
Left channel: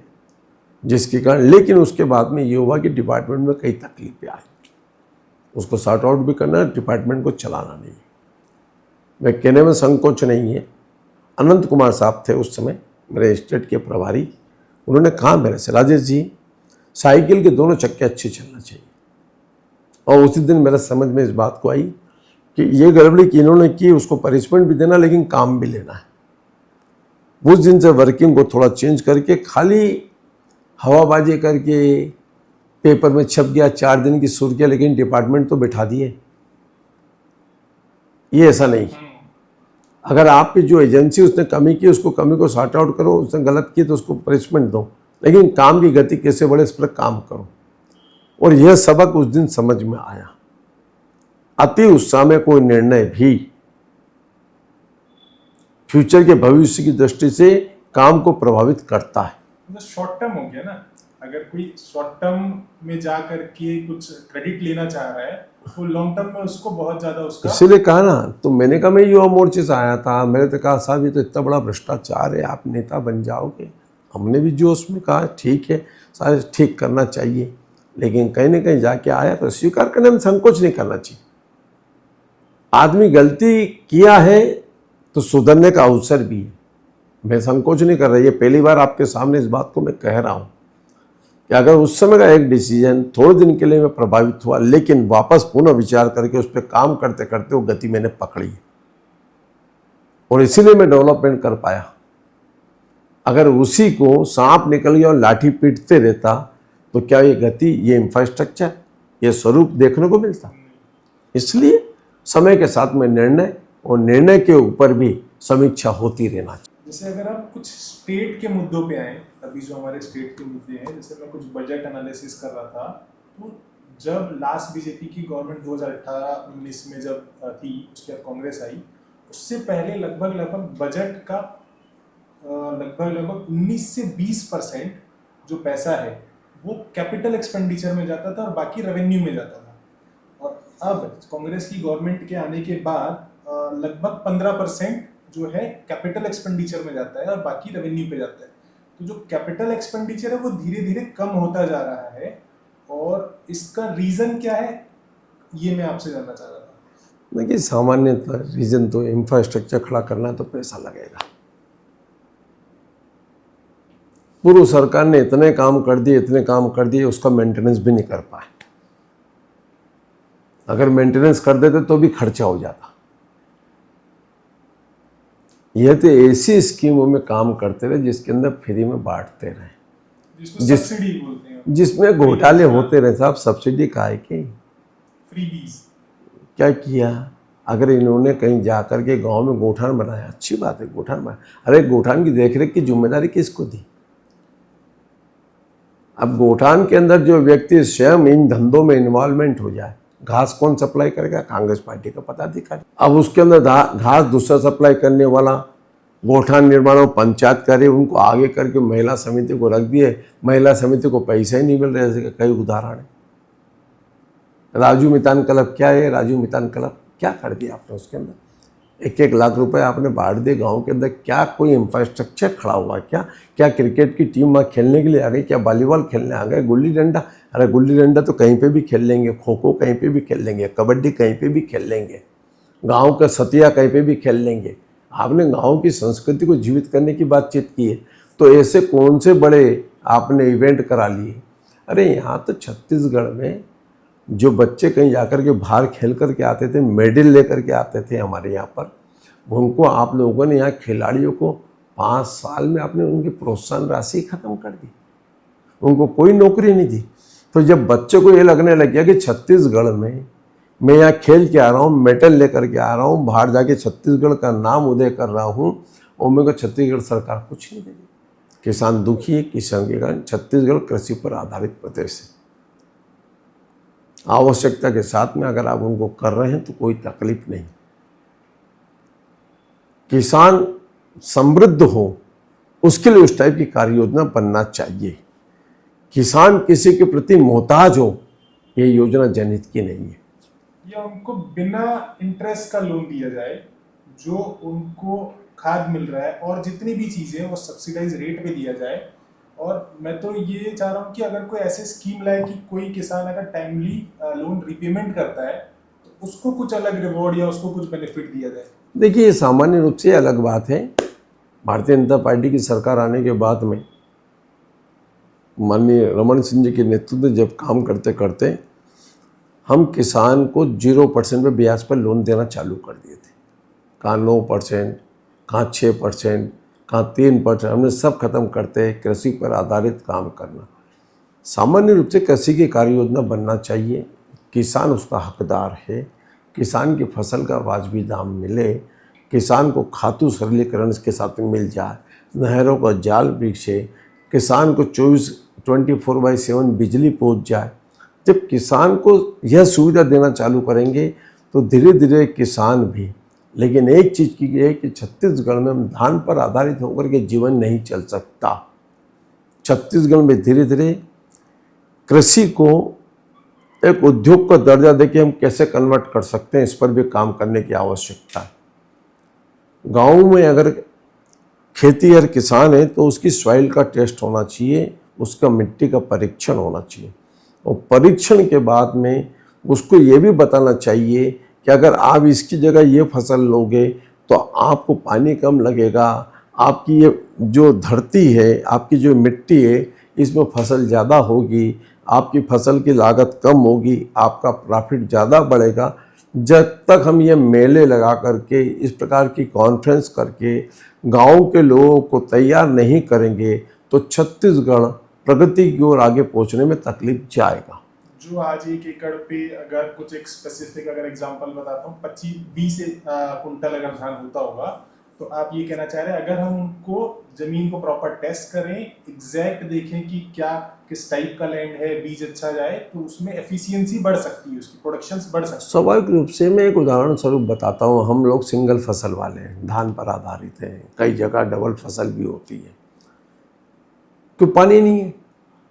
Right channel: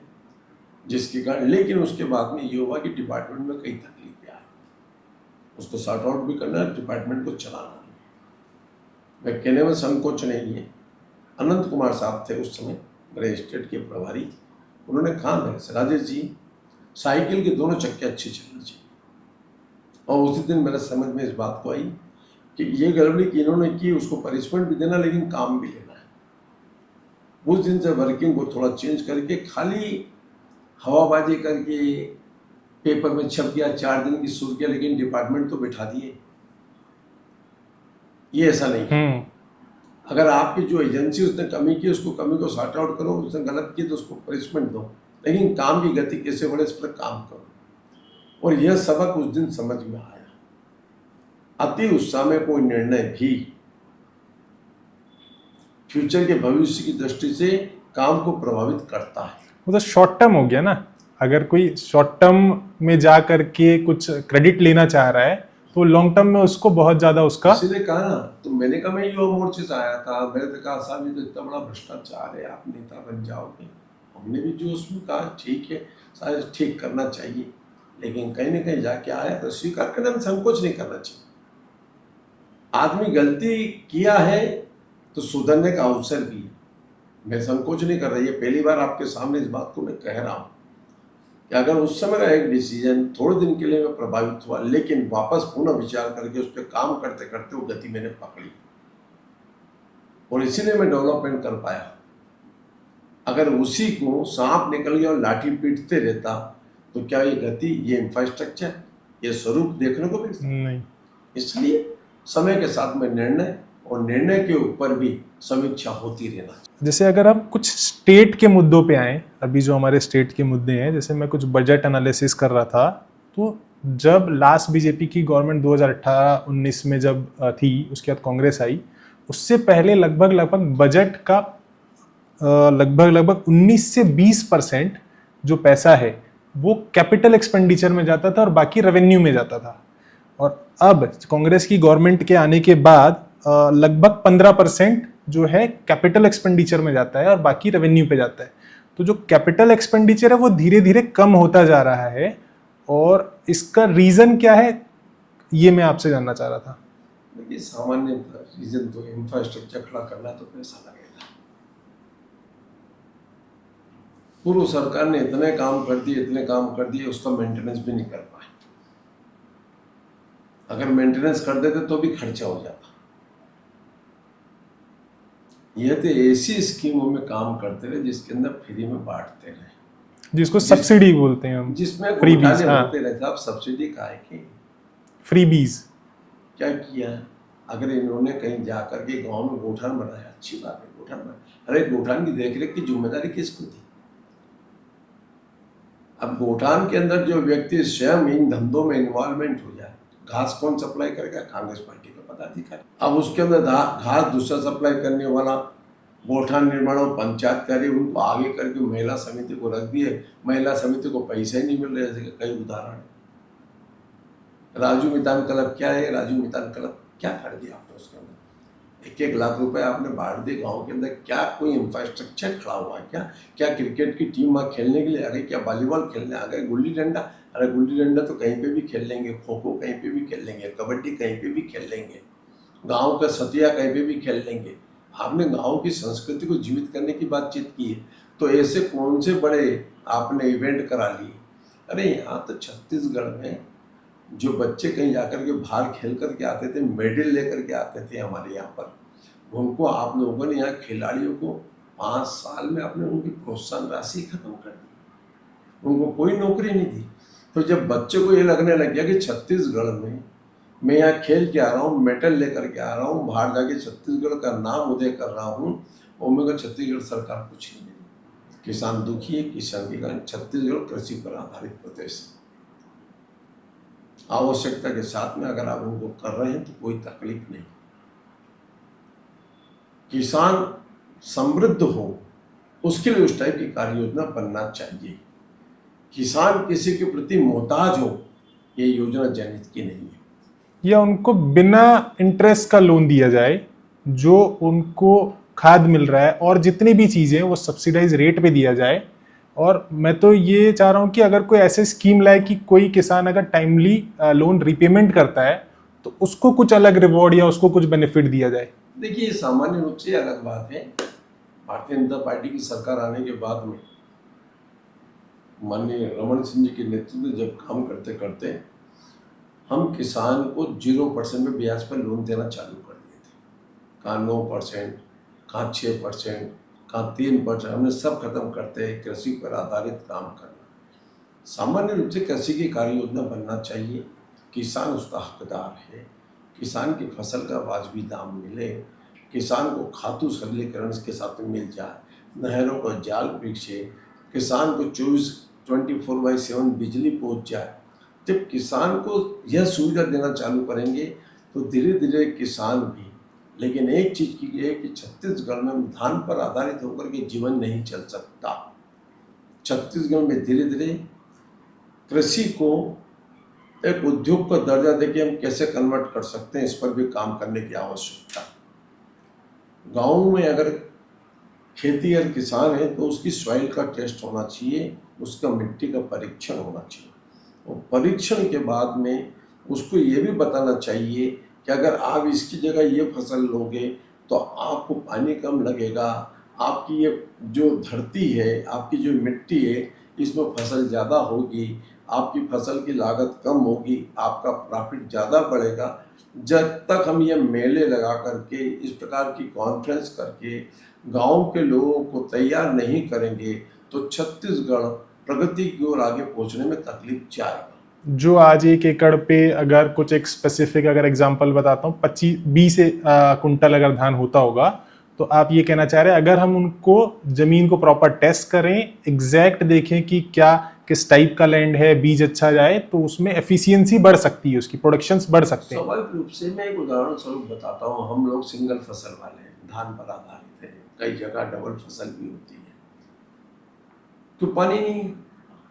जिसके कारण, लेकिन उसके बाद में ये हुआ कि डिपार्टमेंट में कई तकलीफें आई, उसको सॉर्ट आउट भी करना है, डिपार्टमेंट को चलाना नहीं है। मैं कहने में संकोच नहीं है, अनंत कुमार साहब थे उस समय मेरे स्टेट के प्रभारी, उन्होंने कहा मेरे से, राजेश जी साइकिल के दोनों चक्के अच्छे चलना चाहिए। और उसी दिन मेरे समझ में इस बात को आई कि ये गड़बड़ी कि इन्होंने की, उसको पनिशमेंट भी देना लेकिन काम भी लेना है। उस दिन से वर्किंग को थोड़ा चेंज करके, खाली हवाबाजी करके पेपर में छप गया 4 दिन की सुर्खियां, लेकिन डिपार्टमेंट तो बिठा दिए, ये ऐसा नहीं। अगर आपकी जो एजेंसी उसने कमी की, उसको कमी को सॉर्ट आउट करो, उसने गलत की तो उसको पनिशमेंट दो, लेकिन काम की गति कैसे बढ़े इस पर काम करो। और यह सबक उस दिन समझ में आया। अति उत्साह में कोई निर्णय भी फ्यूचर के भविष्य की दृष्टि से काम को प्रभावित करता है। वो तो शॉर्ट टर्म हो गया ना, अगर कोई शॉर्ट टर्म में जा करके कुछ क्रेडिट लेना चाह रहा है तो लॉन्ग टर्म में उसको बहुत ज्यादा उसका, इसीलिए कहा ना, तो मैंने कहा मैं युवा मोर्चे से आया था, मैंने तो कहा साहब ये तो इतना बड़ा भ्रष्टाचार है, आप नेता बन जाओगे। हमने भी जोश में कहा ठीक है साहब, ठीक करना चाहिए, लेकिन कहीं ना कहीं जाके आया तो स्वीकार करने में संकोच नहीं करना चाहिए। आदमी गलती किया है तो सुधरने का अवसर भी है, मैं संकोच नहीं कर रहा। ये पहली बार आपके सामने इस बात को मैं कह रहा हूँ कि अगर उस समय का एक डिसीजन थोड़े दिन के लिए मैं प्रभावित हुआ, लेकिन वापस पुनः विचार करके उस पर काम करते करते वो गति मैंने पकड़ी, और इसीलिए मैं डेवलपमेंट कर पाया। अगर उसी को सांप निकल गया और लाठी पीटते रहता तो क्या ये गति, ये इंफ्रास्ट्रक्चर, ये स्वरूप देखने को मिलता नहीं। इसलिए समय के साथ में निर्णय, और निर्णय के ऊपर भी समीक्षा होती रहना चाहिए। जैसे अगर आप कुछ स्टेट के मुद्दों पे आए, अभी जो हमारे स्टेट के मुद्दे हैं, जैसे मैं कुछ बजट एनालिसिस कर रहा था, तो जब लास्ट बीजेपी की गवर्नमेंट 2018-19 में जब थी, उसके बाद कांग्रेस आई, उससे पहले लगभग बजट का लगभग 19 से 20% जो पैसा है वो कैपिटल एक्सपेंडिचर में जाता था और बाकी रेवेन्यू में जाता था। और अब कांग्रेस की गवर्नमेंट के आने के बाद लगभग 15% जो है कैपिटल एक्सपेंडिचर में जाता है और बाकी रेवेन्यू पे जाता है। तो जो कैपिटल एक्सपेंडिचर है वो धीरे धीरे कम होता जा रहा है, और इसका रीजन क्या है ये मैं आपसे जानना चाह रहा था। देखिए सामान्यतः रीजन तो इंफ्रास्ट्रक्चर खड़ा करना है तो पैसा लगेगा। पूर्व सरकार ने इतने काम कर दिए, उसका मेंटेनेंस भी नहीं कर पाए। अगर मेंटेनेंस कर देते तो भी खर्चा हो जाता। यह तो ऐसी स्कीमों में काम करते रहे जिसके अंदर फ्री में बांटते रहे, जिसको सब्सिडी बोलते हैं हम, जिसमें घोटाले होते रहे। साहब सब्सिडी का है कि फ्री बीज क्या किया? अगर इन्होंने कहीं जाकर के गांव में गोठान बनाया, अच्छी बात है, गोठान बनाया, अरे गोठान की देखरेख की जिम्मेदारी किसको दी? अब गोठान के अंदर जो व्यक्ति स्वयं इन धंधों में इन्वॉल्वमेंट हो जाए, घास कौन सप्लाई करेगा? कांग्रेस पार्टी का पदाधिकारी। अब उसके अंदर घास दूसरा सप्लाई करने वाला गोठान निर्माण और पंचायत करे, उनको आगे करके महिला समिति को रख दिए, महिला समिति को पैसा ही नहीं मिल रहे। ऐसे कई उदाहरण है। राजू मितान क्लब क्या है? राजू मितान क्लब क्या कर दिया आपने? उसके अंदर 1-1 लाख रुपए आपने बांट दिए गाँव के अंदर। क्या कोई इंफ्रास्ट्रक्चर खड़ा हुआ? क्या क्रिकेट की टीम वहाँ खेलने के लिए आ गई? क्या वॉलीबॉल खेलने आ गए? गुल्ली डंडा? अरे गुल्ली डंडा तो कहीं पे भी खेल लेंगे, खो खो कहीं पे भी खेल लेंगे, कबड्डी कहीं पे भी खेल लेंगे, गांव का सतिया कहीं पे भी खेल लेंगे। आपने गांव की संस्कृति को जीवित करने की बातचीत की है, तो ऐसे कौन से बड़े आपने इवेंट करा लिए? अरे यहाँ तो छत्तीसगढ़ में जो बच्चे कहीं जाकर के बाहर खेल करके आते थे, मेडल लेकर के आते थे हमारे यहाँ पर, उनको आप लोगों ने यहाँ खिलाड़ियों को 5 साल में आपने उनकी प्रोत्साहन राशि खत्म कर दी, उनको कोई नौकरी नहीं दी। तो जब बच्चे को ये लगने लग गया कि छत्तीसगढ़ में मैं यहाँ खेल के आ रहा हूँ, मेडल लेकर के आ रहा हूँ, बाहर जाके छत्तीसगढ़ का नाम उदय कर रहा हूँ, और मेरे को छत्तीसगढ़ सरकार कुछ नहीं देगी। किसान दुखी है, किसान के कारण छत्तीसगढ़ कृषि पर आधारित प्रदेश है। आवश्यकता के साथ में अगर आप उनको कर रहे हैं तो कोई तकलीफ नहीं। किसान समृद्ध हो उसके लिए उस टाइप की कार्य योजना बनना चाहिए। किसान किसी के प्रति मोहताज हो, ये योजना जनहित की नहीं है। या उनको बिना इंटरेस्ट का लोन दिया जाए, जो उनको खाद मिल रहा है और जितनी भी चीजें वो सब्सिडाइज रेट पे दिया जाए, और मैं तो ये चाह रहा हूँ कि अगर कोई ऐसे स्कीम लाए कि कोई किसान अगर टाइमली लोन रिपेमेंट करता है तो उसको कुछ अलग रिवॉर्ड या उसको कुछ बेनिफिट दिया जाए। देखिए, सामान्य रूप से अलग बात है। भारतीय जनता पार्टी की सरकार आने के बाद में माननीय रमन सिंह जी के नेतृत्व में जब काम करते करते हम किसान को 0% पे ब्याज पर लोन देना चालू कर दिए थे। कहाँ 9%, कहाँ 6%, कहाँ 3%, हमने सब खत्म करते कृषि पर आधारित काम करना। सामान्य रूप से कृषि की कार्य योजना बनना चाहिए, किसान उसका हकदार है, किसान की फसल का वाजबी दाम मिले, किसान को खातू सरलीकरण के साथ मिल जाए, नहरों का जाल बिछे, किसान को 24/7 बिजली पहुंच जाए। जब किसान को यह सुविधा देना चालू करेंगे तो धीरे धीरे किसान भी, लेकिन एक चीज़ की है कि छत्तीसगढ़ में धान पर आधारित होकर के जीवन नहीं चल सकता। छत्तीसगढ़ में धीरे धीरे कृषि को एक उद्योग का दर्जा देके हम कैसे कन्वर्ट कर सकते हैं, इस पर भी काम करने की आवश्यकता। गाँव में अगर खेती और किसान है तो उसकी सॉइल का टेस्ट होना चाहिए, उसका मिट्टी का परीक्षण होना चाहिए, और परीक्षण के बाद में उसको ये भी बताना चाहिए कि अगर आप इसकी जगह ये फसल लोगे तो आपको पानी कम लगेगा, आपकी ये जो धरती है, आपकी जो मिट्टी है, इसमें फसल ज़्यादा होगी, आपकी फसल की लागत कम होगी, आपका प्रॉफिट ज़्यादा बढ़ेगा। जब तक हम ये मेले लगा करके, इस प्रकार की कॉन्फ्रेंस करके गांव के लोगों को तैयार नहीं करेंगे तो छत्तीसगढ़ प्रगति की ओर आगे पहुंचने में तकलीफ जाएगा। जो आज 1 एकड़ पे अगर कुछ एक स्पेसिफिक अगर एग्जांपल बताता हूँ, 25-20 कुंटल अगर धान होता होगा, तो आप ये कहना चाह रहे हैं अगर हम उनको जमीन को प्रॉपर टेस्ट करें, एग्जैक्ट देखें कि क्या किस टाइप का लैंड है, बीज अच्छा जाए, तो उसमें एफिशिएंसी बढ़ सकती है, उसकी प्रोडक्शंस बढ़ सकते हैं। स्वाभाविक रूप से मैं एक उदाहरण स्वरूप बताता हूँ। हम लोग सिंगल फसल वाले हैं, धान पर आधारित हैं, कई जगह डबल फसल भी होती है। क्यों? पानी नहीं है,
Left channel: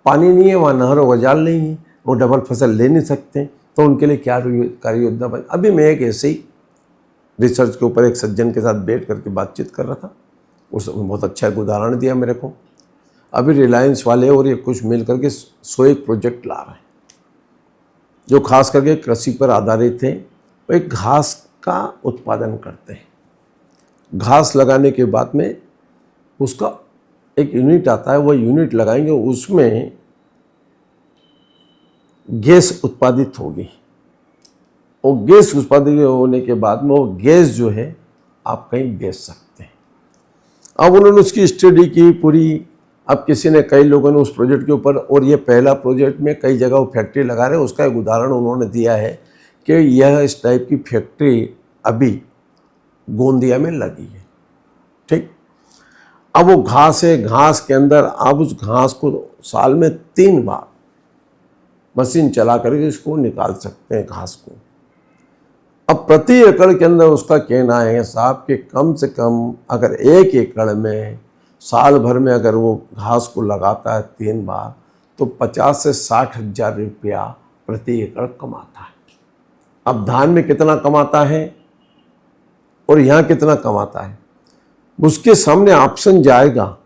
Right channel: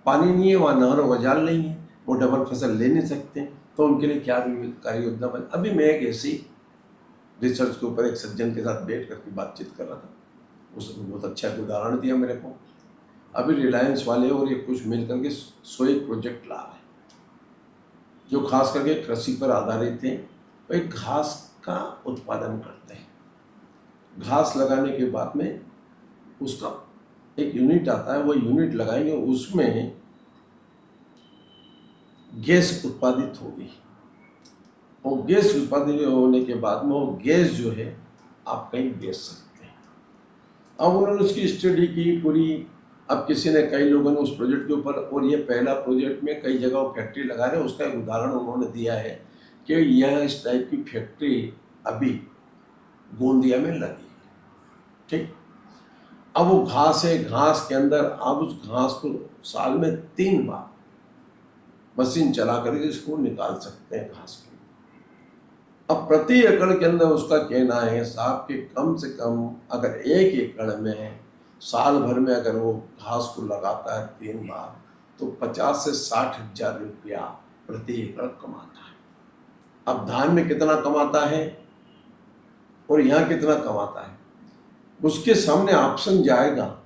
पानी नहीं है, वहाँ नहर व जाल नहीं है, वो डबल फसल ले नहीं सकते, तो उनके लिए क्या कार्य योजना बनी। अभी मैं एक ऐसे ही रिसर्च के ऊपर एक सज्जन के साथ बैठ करके बातचीत कर रहा था, उसने बहुत अच्छा एक उदाहरण दिया मेरे को। अभी रिलायंस वाले और ये कुछ मिल करके 101 प्रोजेक्ट ला रहे हैं जो खास करके कृषि पर आधारित है। वो एक घास का उत्पादन करते हैं। घास लगाने के बाद में उसका एक यूनिट आता है, वो यूनिट लगाएंगे, उसमें गैस उत्पादित होगी, और गैस उत्पादित होने के बाद में वो गैस जो है आप कहीं बेच सकते हैं। अब उन्होंने उसकी स्टडी की पूरी। अब किसी ने, कई लोगों ने उस प्रोजेक्ट के ऊपर, और ये पहला प्रोजेक्ट में कई जगह वो फैक्ट्री लगा रहे हैं, उसका एक उदाहरण उन्होंने दिया है कि यह इस टाइप की फैक्ट्री अभी गोंदिया में लगी है। ठीक, अब वो घास है, घास के अंदर आप उस घास को साल में 3 बार मशीन चला करके इसको निकाल सकते हैं घास को। अब प्रति एकड़ के अंदर उसका कहना है साहब कि कम से कम अगर 1 एकड़ में साल भर में अगर वो घास को लगाता है 3 बार तो 50 से 60 हज़ार रुपया प्रति एकड़ कमाता है। अब धान में कितना कमाता है और यहाँ कितना कमाता है, उसके सामने ऑप्शन जाएगा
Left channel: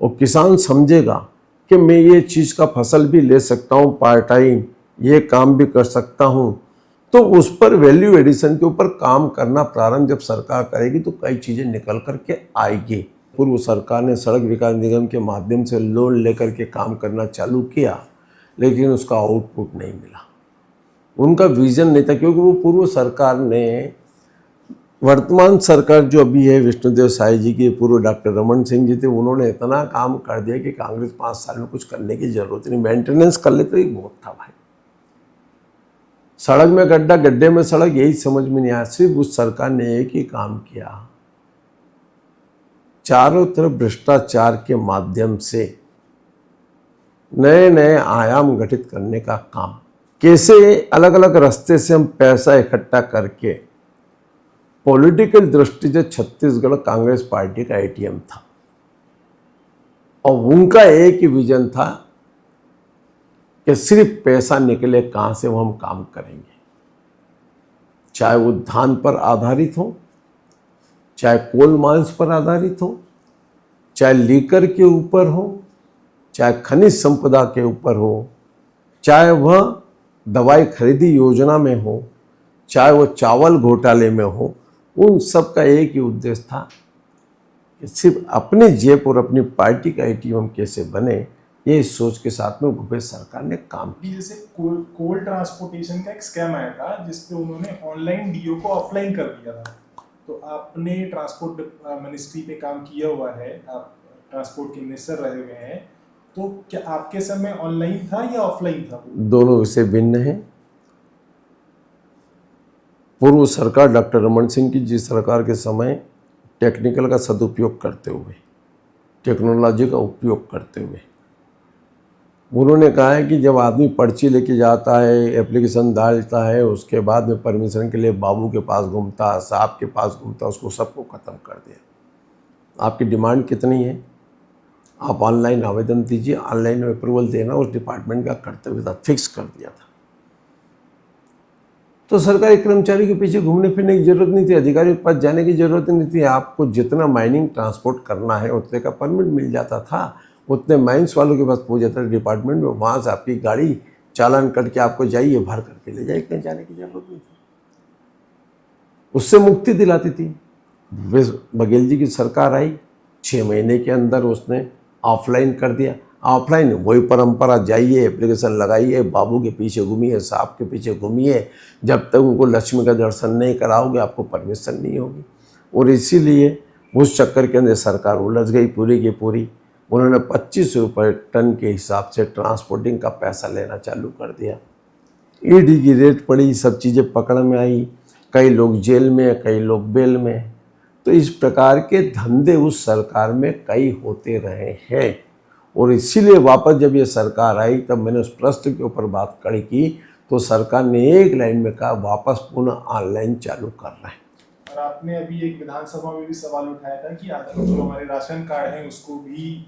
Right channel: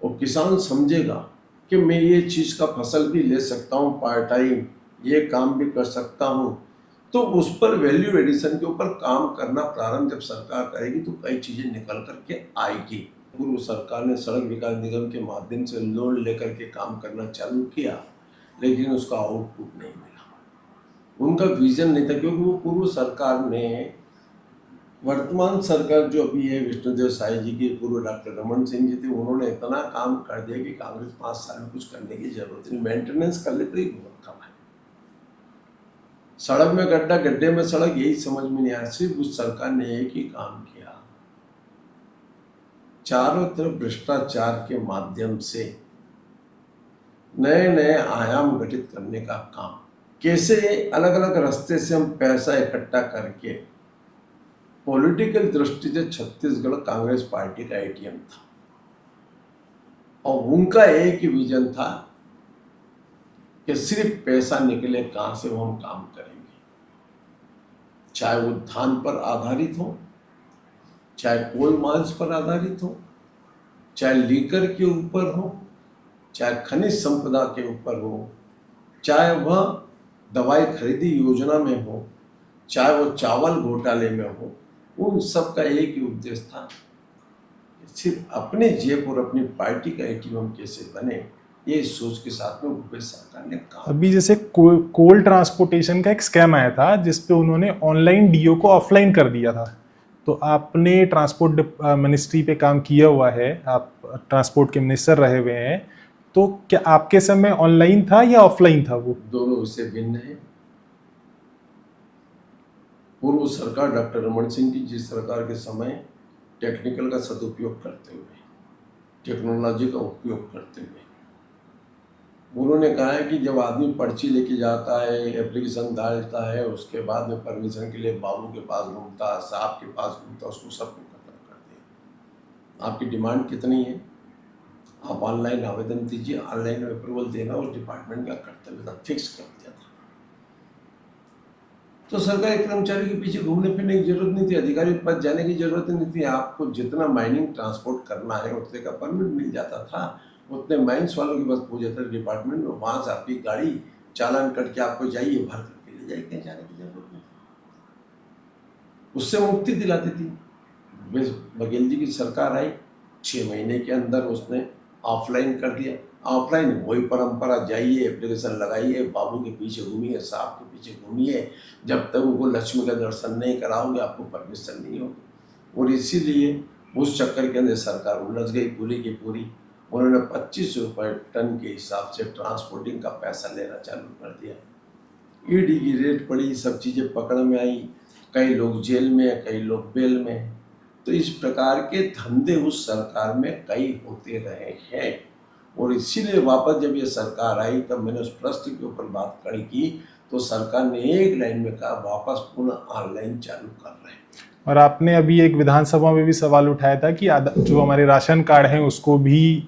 और किसान समझेगा कि मैं ये चीज़ का फसल भी ले सकता हूँ, पार्ट टाइम ये काम भी कर सकता हूँ। तो उस पर वैल्यू एडिशन के ऊपर काम करना प्रारंभ जब सरकार करेगी तो कई चीज़ें निकल करके आएगी। पूर्व सरकार ने सड़क विकास निगम के माध्यम से लोन लेकर के काम करना चालू किया, लेकिन उसका आउटपुट नहीं मिला, उनका विजन नहीं था, क्योंकि वो पूर्व सरकार ने, वर्तमान सरकार जो अभी है विष्णुदेव साय जी की, पूर्व डॉक्टर रमन सिंह जी थे, उन्होंने इतना काम कर दिया कि कांग्रेस 5 साल में कुछ करने की जरूरत नहीं, मेंटेनेंस कर ले तो ही बहुत था भाई। सड़क में गड्ढा, गड्ढे में सड़क, यही समझ में नहीं आया। सिर्फ उस सरकार ने एक ही काम किया, चारों तरफ भ्रष्टाचार के माध्यम से नए नए आयाम गठित करने का काम। कैसे अलग अलग रास्ते से हम पैसा इकट्ठा करके, पॉलिटिकल दृष्टि से छत्तीसगढ़ कांग्रेस पार्टी का एटीएम था, और उनका एक ही विजन था कि सिर्फ पैसा निकले कहाँ से वो हम काम करेंगे। चाहे वो धान पर आधारित हो, चाहे कोल माइंस पर आधारित हो, चाहे लीकर के ऊपर हो, चाहे खनिज संपदा के ऊपर हो, चाहे वह दवाई खरीदी योजना में हो, चाहे वो चावल घोटाले में हो, उन सब का एक ही उद्देश्य था कि सिर्फ अपनी जेब और अपनी पार्टी का एटीएम कैसे बने, ये सोच के साथ में भूपेश सरकार ने काम। अभी जैसे कोल ट्रांसपोर्टेशन का एक स्कैम आया था जिसपे उन्होंने ऑनलाइन डीओ को ऑफलाइन कर दिया था। तो आपने ट्रांसपोर्ट मिनिस्ट्री पे काम किया हुआ है, आप ट्रांसपोर्ट के मिनिस्टर रहे हुए हैं, तो क्या आपके समय ऑनलाइन था या ऑफलाइन था वो? दोनों विषय भिन्न हैं। पूर्व सरकार डॉक्टर रमन सिंह की जिस सरकार के समय टेक्निकल का सदुपयोग करते हुए, टेक्नोलॉजी का उपयोग करते हुए, उन्होंने कहा है कि जब आदमी पर्ची लेके जाता है, एप्लीकेशन डालता है, उसके बाद में परमिशन के लिए बाबू के पास घूमता, साहब के पास घूमता, उसको सबको ख़त्म कर दिया। आपकी डिमांड कितनी है, आप ऑनलाइन आवेदन दीजिए, ऑनलाइन अप्रूवल देना उस डिपार्टमेंट का कर्तव्य था, फिक्स कर दिया था। तो सरकारी कर्मचारी के पीछे घूमने फिरने की जरूरत नहीं थी, अधिकारी के पास जाने की जरूरत नहीं थी। आपको जितना माइनिंग ट्रांसपोर्ट करना है उतने का परमिट मिल जाता था, उतने माइंस वालों के पास पहुंच जाता था डिपार्टमेंट में, वहाँ से आपकी गाड़ी चालान करके आपको जाइए भर करके ले जाइए, कहीं जाने की जरूरत नहीं थी। उससे मुक्ति दिलाती थी। भूपेश बघेल जी की सरकार आई, 6 महीने के अंदर उसने ऑफलाइन कर दिया। ऑफलाइन वही परंपरा, जाइए एप्लीकेशन लगाइए, बाबू के पीछे घूमिए, साहब के पीछे घूमिए, जब तक उनको लक्ष्मी का दर्शन नहीं कराओगे आपको परमिशन नहीं होगी। और इसीलिए उस चक्कर के अंदर सरकार उलझ गई पूरी की पूरी। उन्होंने 25 रुपये टन के हिसाब से ट्रांसपोर्टिंग का पैसा लेना चालू कर दिया। ईडी की रेट पड़ी, सब चीज़ें पकड़ में आई, कई लोग जेल में, कई लोग बेल में। तो इस प्रकार के धंधे उस सरकार में कई होते रहे हैं। और इसीलिए वापस जब ये सरकार आई तब मैंने उस प्रश्न के ऊपर बात कड़ी की, तो सरकार ने एक लाइन में कहा वापस पुनः ऑनलाइन चालू कर रहे हैं। और आपने अभी एक विधानसभा में भी सवाल उठाया था कि जो हमारे राशन कार्ड हैं उसको भी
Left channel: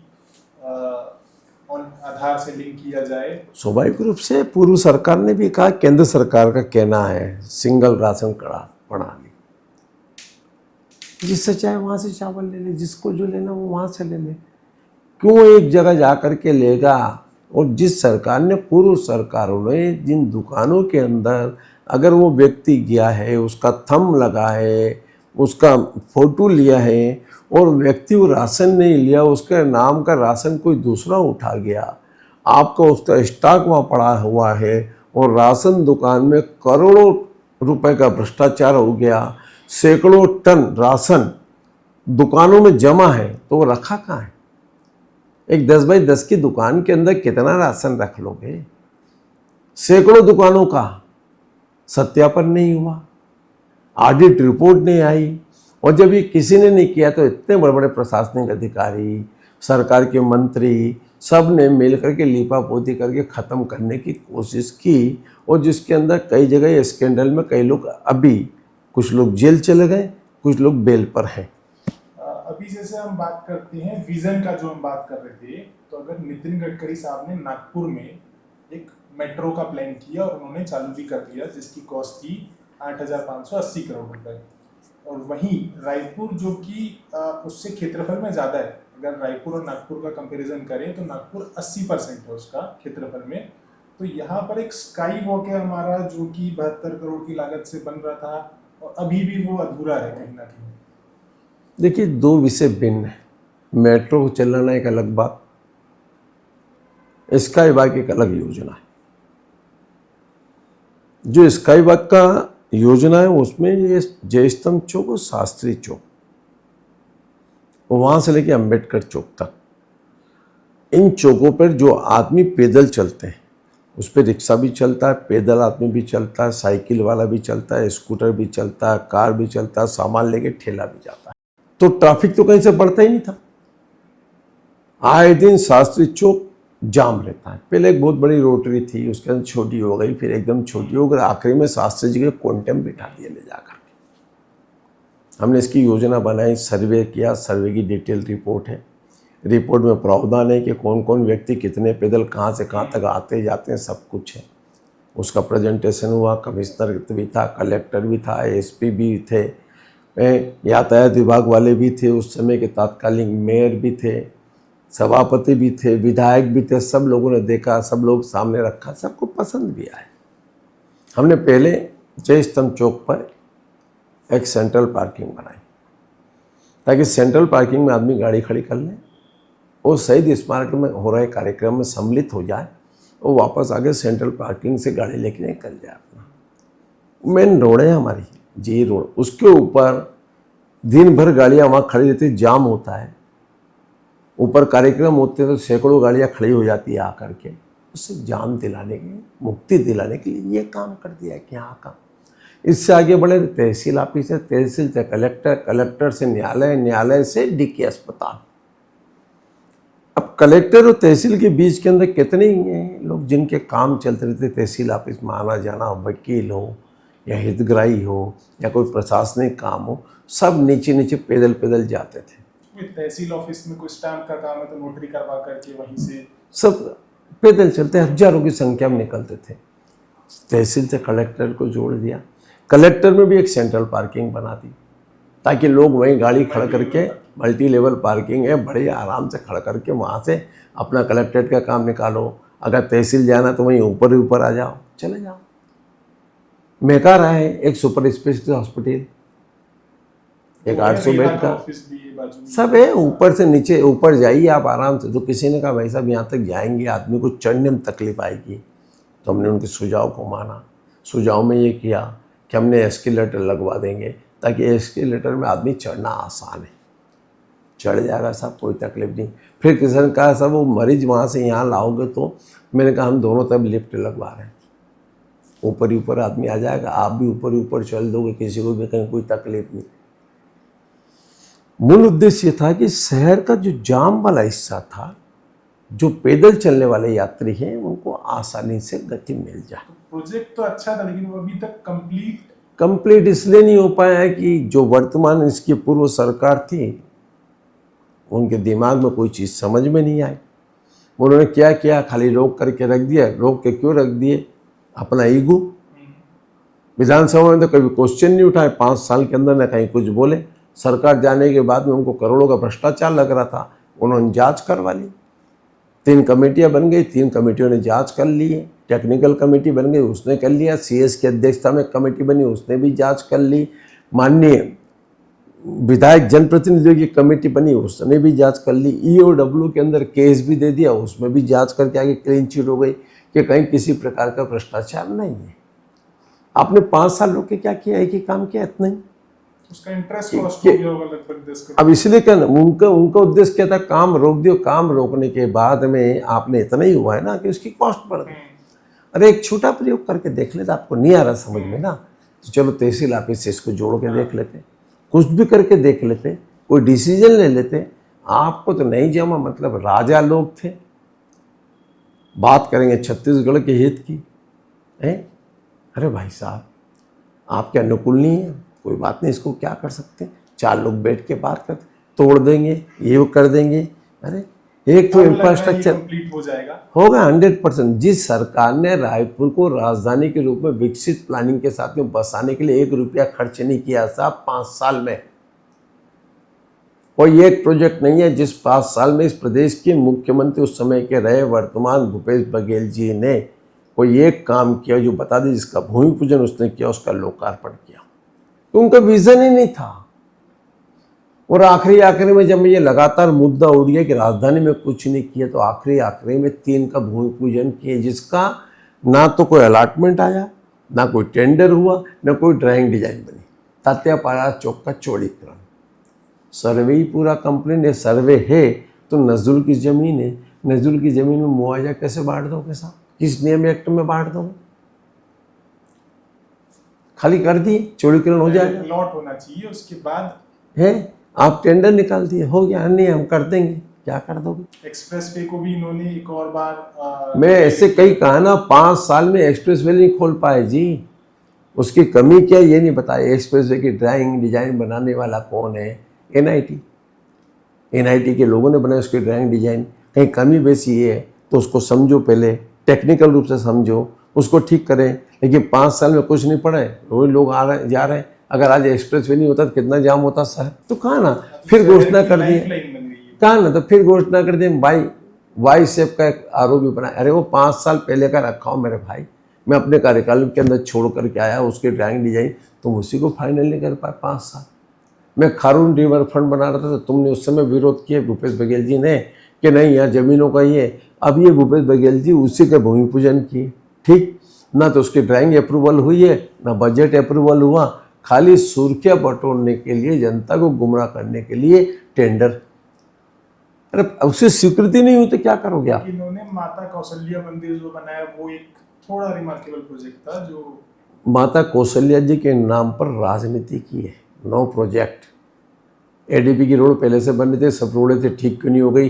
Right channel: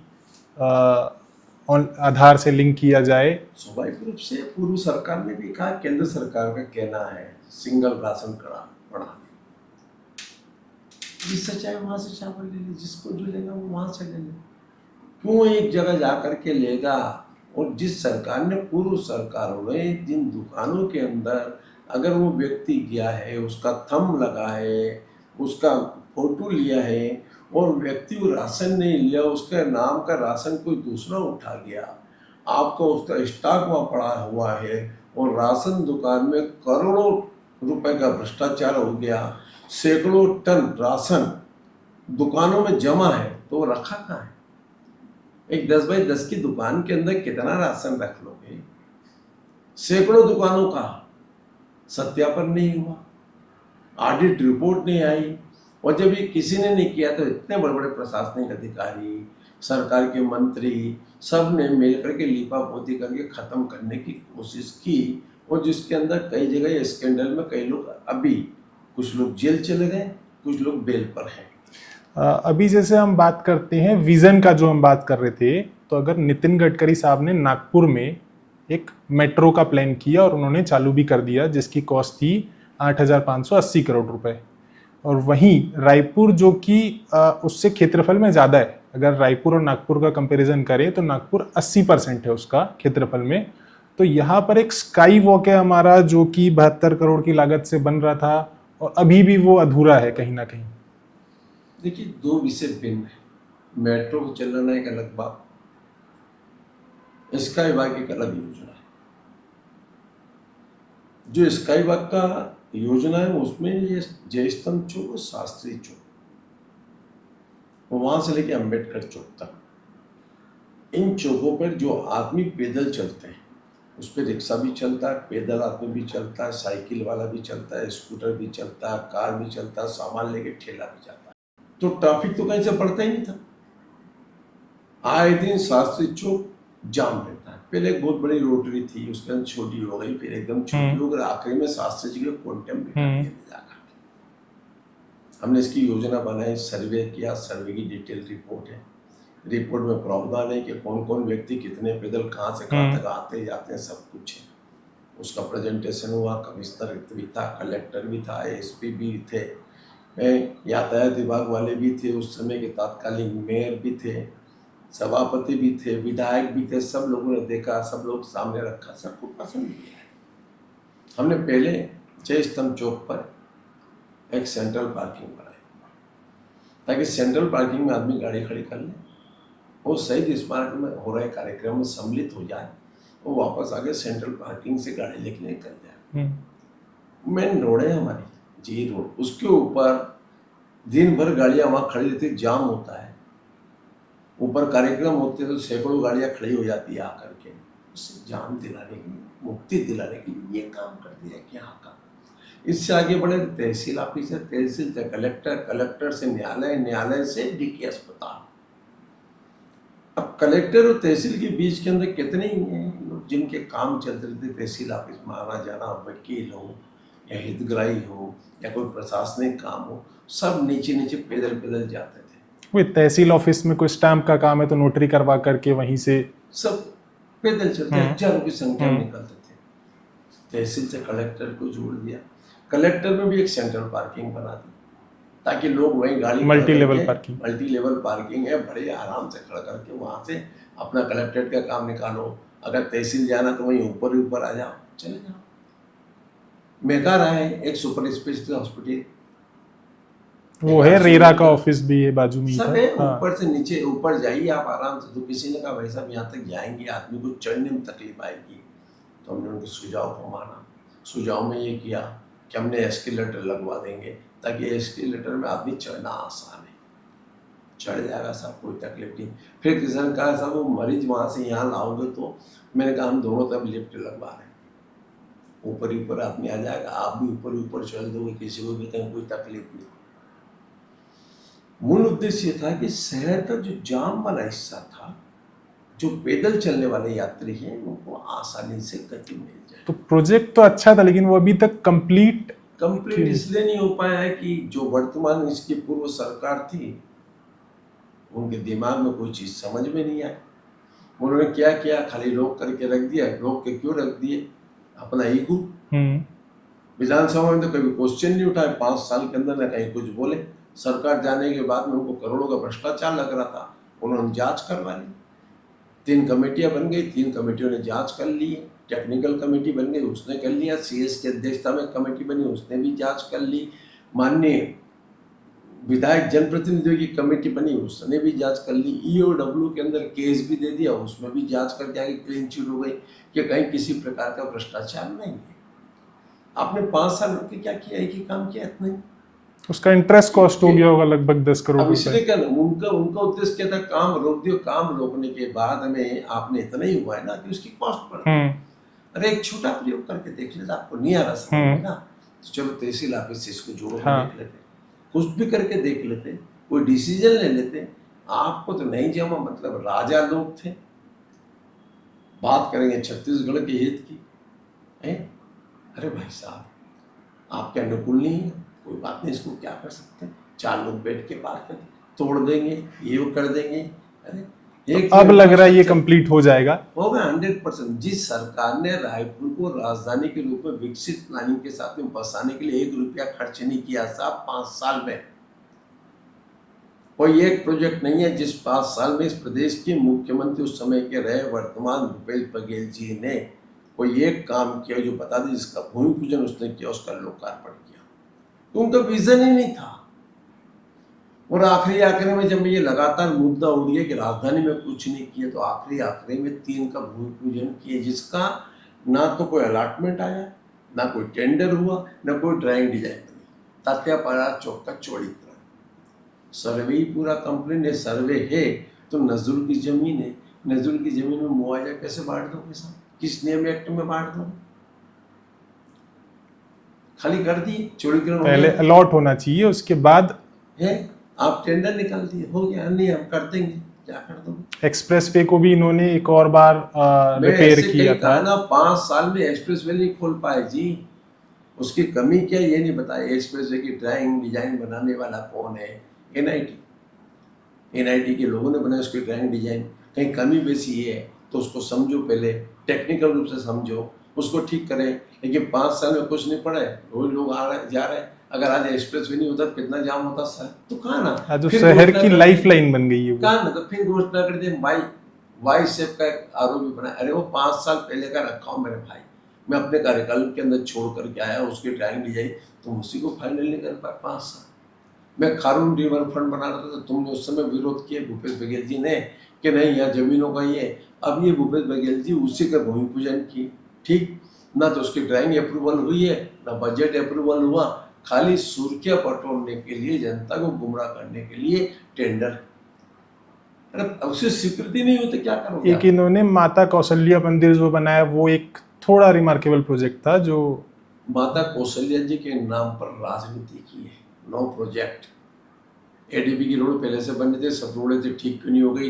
आधार से लिंक किया जाए। स्वाभाविक रूप से पूर्व सरकार ने भी कहा, केंद्र सरकार का कहना है सिंगल राशन कार्ड प्रणाली, जिससे चाहे वहाँ से चावल ले ले, जिसको जो लेना वो वहाँ से ले ले, क्यों एक जगह जा कर के लेगा। और जिस सरकार ने, पूर्व सरकारों ने जिन दुकानों के अंदर अगर वो व्यक्ति गया है, उसका थंब लगा है, उसका फोटो लिया है और व्यक्ति वो राशन नहीं लिया, उसके नाम का राशन कोई दूसरा उठा गया, आपका उसका स्टॉक वहाँ पड़ा हुआ है और राशन दुकान में करोड़ों रुपए का भ्रष्टाचार हो गया, सैकड़ों टन राशन दुकानों में जमा है, तो वो रखा कहाँ है? एक 10 बाई 10 की दुकान के अंदर कितना राशन रख लोगे? सैकड़ों दुकानों का सत्यापन नहीं हुआ, ऑडिट रिपोर्ट नहीं आई। और जब ये किसी ने नहीं किया तो इतने बड़े बड़े प्रशासनिक अधिकारी, सरकार के मंत्री, सब ने मिल करके लीपापोती करके ख़त्म करने की कोशिश की। और जिसके अंदर कई जगह स्कैंडल में कई लोग, अभी कुछ लोग जेल चले गए, कुछ लोग बेल पर हैं। अभी जैसे हम बात करते हैं विजन का, जो हम बात कर रहे थे, तो अगर नितिन गडकरी साहब ने नागपुर में एक मेट्रो का प्लान किया और उन्होंने चालू भी कर दिया, जिसकी कॉस्ट थी 8,580 करोड़ रुपए। और वहीं रायपुर, जो कि उससे क्षेत्रफल में ज़्यादा है, अगर रायपुर और नागपुर का कंपैरिजन करें तो नागपुर 80% है उसका क्षेत्रफल में। तो यहाँ पर एक स्काई वॉक है हमारा, जो कि 72 करोड़ की लागत से बन रहा था और अभी भी वो अधूरा है कहीं ना कहीं। देखिए, दो विषय भिन्न है। मेट्रो चलाना एक अलग बात, स्काई वॉक एक अलग योजना है। जो स्काई वॉक का योजना है उसमें ये जयस्तंभ चौक और शास्त्री चौक, वहाँ से लेके अंबेडकर चौक तक, इन चौकों पर जो आदमी पैदल चलते हैं, उस पर रिक्शा भी चलता है, पैदल आदमी भी चलता है, साइकिल वाला भी चलता है, स्कूटर भी चलता है, कार भी चलता है, सामान लेके ठेला भी जाता है। तो ट्रैफिक तो कहीं से बढ़ता ही नहीं था। आए दिन शास्त्री चौक जाम रहता है। पहले एक बहुत बड़ी रोटरी थी, उसके अंदर छोटी हो गई, फिर एकदम छोटी हो गई, आखिरी में शास्त्री जी के क्वांटम बिठा दिए ले जाकर के। हमने इसकी योजना बनाई, सर्वे किया, सर्वे की डिटेल रिपोर्ट है। रिपोर्ट में प्रावधान है कि कौन कौन व्यक्ति कितने पैदल कहाँ से कहाँ तक आते जाते हैं, सब कुछ है। उसका प्रेजेंटेशन हुआ, कमिश्नर भी था, कलेक्टर भी था, एसपी भी थे, यातायात विभाग वाले भी थे, उस समय के तात्कालिक मेयर भी थे, सभापति भी थे, विधायक भी थे, सब लोगों ने देखा, सब लोग सामने रखा, सबको पसंद भी आया। हमने पहले जय स्तंभ चौक पर एक सेंट्रल पार्किंग बनाई ताकि सेंट्रल पार्किंग में आदमी गाड़ी खड़ी कर ले और शहीद स्मारक में हो रहे कार्यक्रम में सम्मिलित हो जाए और वापस आके सेंट्रल पार्किंग से गाड़ी लेके निकल जाए। मेन रोड है हमारी जी रोड, उसके ऊपर दिन भर गाड़ियाँ वहाँ खड़ी रहती, जाम होता है, ऊपर कार्यक्रम होते हैं तो सैकड़ों गाड़ियाँ खड़ी हो जाती है आकर के। उससे जाम दिलाने के, मुक्ति दिलाने के लिए ये काम कर दिया है कि यहाँ का। इससे आगे बढ़े तहसील ऑफिस है, तहसील से कलेक्टर, कलेक्टर से न्यायालय, न्यायालय से डीके अस्पताल। अब कलेक्टर और तहसील के बीच के अंदर कितने ही हैं लोग जिनके काम चलते रहते, तहसील ऑफिस में आना जाना, वकील हो या हितग्राही हो या कोई प्रशासनिक काम हो, सब नीचे नीचे पैदल पैदल जाते थे। वही तहसील ऑफिस में कोई स्टैम्प का काम है तो नोटरी करवा करके वहीं से सब पैदल चलते, हजारों की संख्या में निकलते थे। तहसील से कलेक्टर को जोड़ दिया, कलेक्टर में भी एक सेंट्रल पार्किंग बना दी ताकि लोग वहीं गाड़ी खड़ा करके, मल्टी लेवल पार्किंग है, बड़े आराम से खड़ा करके वहाँ से अपना कलेक्ट्रेट का काम निकालो। अगर तहसील जाना तो वहीं ऊपर ही ऊपर आ जाओ, चले जाओ। मेकार है एक सुपर स्पेशलिटी हॉस्पिटल, वो है, रेरा का ऑफिस भी है बाजू में, सब है। ऊपर से नीचे, ऊपर जाइए आप आराम से। तो किसी ने कहा भाई साहब यहाँ तक जाएंगे आदमी को चढ़ने में तकलीफ आएगी, तो हमने उनके सुझाव को माना। सुझाव में ये किया कि हमने एस्केलेटर लगवा देंगे ताकि एस्केलेटर में आदमी चढ़ना आसान है, चढ़ जाएगा साहब, कोई तकलीफ नहीं। फिर किसी ने कहा साहब वो मरीज वहाँ से यहाँ लाओगे, तो मैंने कहा हम दोनों तरफ लिफ्ट लगवा रहे हैं, ऊपर ही ऊपर आदमी आ जाएगा, आप भी ऊपर ही ऊपर चल दोगे, किसी को भी कहीं कोई तकलीफ नहीं। मूल उद्देश्य था कि शहर का जो जाम वाला हिस्सा था, जो पैदल चलने वाले यात्री हैं, उनको आसानी से गति मिल जाए। तो प्रोजेक्ट तो अच्छा था लेकिन वो अभी तक कंप्लीट इसलिए नहीं हो पाया है कि जो वर्तमान इसकी पूर्व सरकार थी उनके दिमाग में कोई चीज़ समझ में नहीं आई। उन्होंने क्या किया, खाली रोक करके रख दिया। रोक के क्यों रख दिए? अपना ईगो। विधानसभा में तो कभी क्वेश्चन नहीं उठाए, 5 साल के अंदर न कहीं कुछ बोले। सरकार जाने के बाद में उनको करोड़ों का भ्रष्टाचार लग रहा था, उन्होंने जांच करवा ली। 3 कमेटियां बन गई, 3 कमेटियों ने जांच कर ली है। टेक्निकल कमेटी बन गई, उसने कर लिया। सीएस की अध्यक्षता में कमेटी बनी, उसने भी जांच कर ली। माननीय विधायक जनप्रतिनिधियों की कमेटी बनी, उसने भी जांच कर ली। ईओडब्ल्यू के अंदर केस भी दे दिया, उसमें भी जांच करके आगे क्लीन चिट हो गई कि कहीं किसी प्रकार का भ्रष्टाचार नहीं है। आपने 5 साल रोक के क्या किया? एक ही काम किया, इतना ही। उसका इंटरेस्ट कॉस्ट हो गया होगा लगभग 10 करोड़। अब इसलिए क्या उनका उद्देश्य क्या था? काम रोक दियो। काम रोकने के बाद में आपने इतना ही हुआ है ना कि उसकी कॉस्ट बढ़ गई। अरे एक छोटा प्रयोग करके देख लेते, आपको नहीं आ रहा समझ में ना, तो चलो तहसील ऑफिस से इसको जोड़ के देख लेते, कुछ भी करके देख लेते, कोई डिसीजन ले लेते। आपको तो नहीं जमा, मतलब राजा लोग थे, बात करेंगे छत्तीसगढ़ के हित की है। अरे भाई साहब आपके अनुकूल नहीं है, कोई बात नहीं, इसको क्या कर सकते, 4 लोग बैठ के बात करते, तोड़ देंगे, ये वो कर देंगे। अरे एक अब लग रहा है ये कंप्लीट हो जाएगा, होगा 100%। जिस सरकार ने रायपुर को राजधानी के रूप में विकसित प्लानिंग के साथ में बसाने के लिए 1 रुपया खर्च नहीं किया साहब 5 साल में। कोई एक प्रोजेक्ट नहीं है जिस 5 साल में इस प्रदेश के मुख्यमंत्री उस समय के रहे वर्तमान भूपेश बघेल जी ने कोई एक काम किया जो बता दें, जिसका भूमि पूजन उसने किया, उसका लोकार्पण किया। तो उनका विजन ही नहीं था। और आखिरी में जब ये लगातार मुद्दा हो गया कि राजधानी में कुछ नहीं किया, तो आखिरी में 3 का भूमि पूजन किए, जिसका ना तो कोई अलॉटमेंट आया, ना कोई टेंडर हुआ, ना कोई ड्राइंग डिजाइन बनी। तात्यापाड़ा चौक का चौड़ीकरण, सर्वे ही पूरा कंप्लीट है। सर्वे है तो नजरुल की ज़मीन है, नजरुल की ज़मीन में मुआवजा कैसे बांट दोगे साहब? किस नियम एक्ट में बांट दोगे? खाली कर दिए, चौड़ीकरण हो गया, अलॉट होना चाहिए, उसके बाद है आप टेंडर निकाल दिए, हो गया। नहीं हम कर देंगे, क्या कर दोगे? एक्सप्रेस वे को भी इन्होंने एक और बार मैं ऐसे कई कहा ना, 5 साल में एक्सप्रेस वे नहीं खोल पाए जी। उसकी कमी क्या ये नहीं बताया। एक्सप्रेस वे की ड्राइंग डिजाइन बनाने वाला कौन है? एनआईटी के लोगों ने बनाया उसकी ड्राइंग डिजाइन। कहीं कमी बेसी है तो उसको समझो, पहले टेक्निकल रूप से समझो, उसको ठीक करें। लेकिन 5 साल में कुछ नहीं पड़ा है, वही लोग आ रहे जा रहे हैं। अगर आज एक्सप्रेस वे नहीं होता तो कितना जाम होता शहर, तो कहा ना आज जो फिर शहर घोषणा की कर लाइफ दें, लाइन बन गई है वो। कहा ना तो फिर घोषणा कर दें भाई वाई सेफ का एक आरोप भी बना। अरे वो 5 साल पहले का रखा हूँ मेरे भाई, मैं अपने कार्यकाल के अंदर छोड़ करके आया, उसकी ड्राइंग डिजाइन तुम उसी को फाइनल नहीं कर पाए 5 साल। मैं खारून रिवर फ्रंट बना रहा था तो तुमने उस समय विरोध किया भूपेश बघेल जी ने कि नहीं यहाँ जमीनों का ही है। अब ये भूपेश बघेल जी उसी का भूमि पूजन किए, ठीक ना तो उसकी ड्राइंग अप्रूवल हुई है ना बजट अप्रूवल हुआ, खाली सुर्खियां बटोरने के लिए, जनता को गुमराह करने के लिए टेंडर। अरे उससे स्वीकृति नहीं हुई तो क्या करोगे एक आप? इन्होंने माता कौशल्या मंदिर जो बनाया वो एक थोड़ा रिमार्केबल प्रोजेक्ट था जो माता कौशल्या जी के नाम पर राजनीति की है। No project. एडीपी की रोड पहले से बन रही थी, सब रोडें थे, ठीक क्यों नहीं हो गई?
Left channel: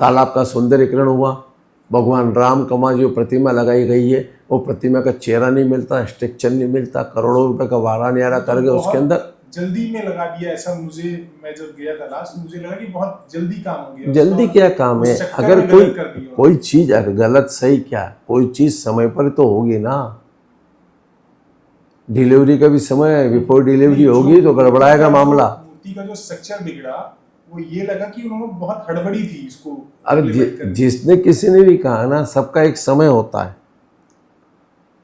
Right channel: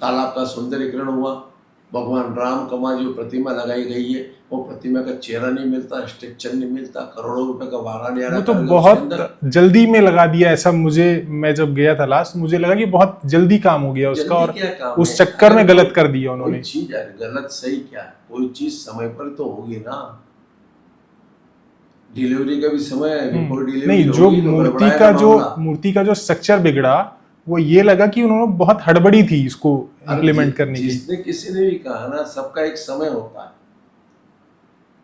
तालाब का सौंदर्यीकरण हुआ, भगवान राम का वहाँ जो प्रतिमा लगाई गई है वो प्रतिमा का चेहरा नहीं मिलता, स्ट्रक्चर नहीं मिलता, करोड़ों रुपए का वारा न्यारा वो तो करके उसके अंदर बहुत जल्दी में लगा दिया ऐसा। मैं जब गया था लास्ट मुझे लगा कि बहुत जल्दी काम हो गया उसका, जल्दी और क्या काम है? उस चक्कर अगर में गलत कर दिया कोई उन्होंने। चीज अगर गलत सही क्या, कोई चीज समय पर तो होगी ना। डिलीवरी का भी समय है, बिफोर डिलीवरी नहीं, जो होगी तो मूर्ति गड़बड़ाएगा का मामला। मूर्ति का जो स्ट्रक्चर बिगड़ा वो ये लगा कि उन्होंने बहुत हड़बड़ी थी इसको अरे इम्प्लीमेंट करने की। जिसने किसी ने भी कहा ना, सबका एक समय होता है,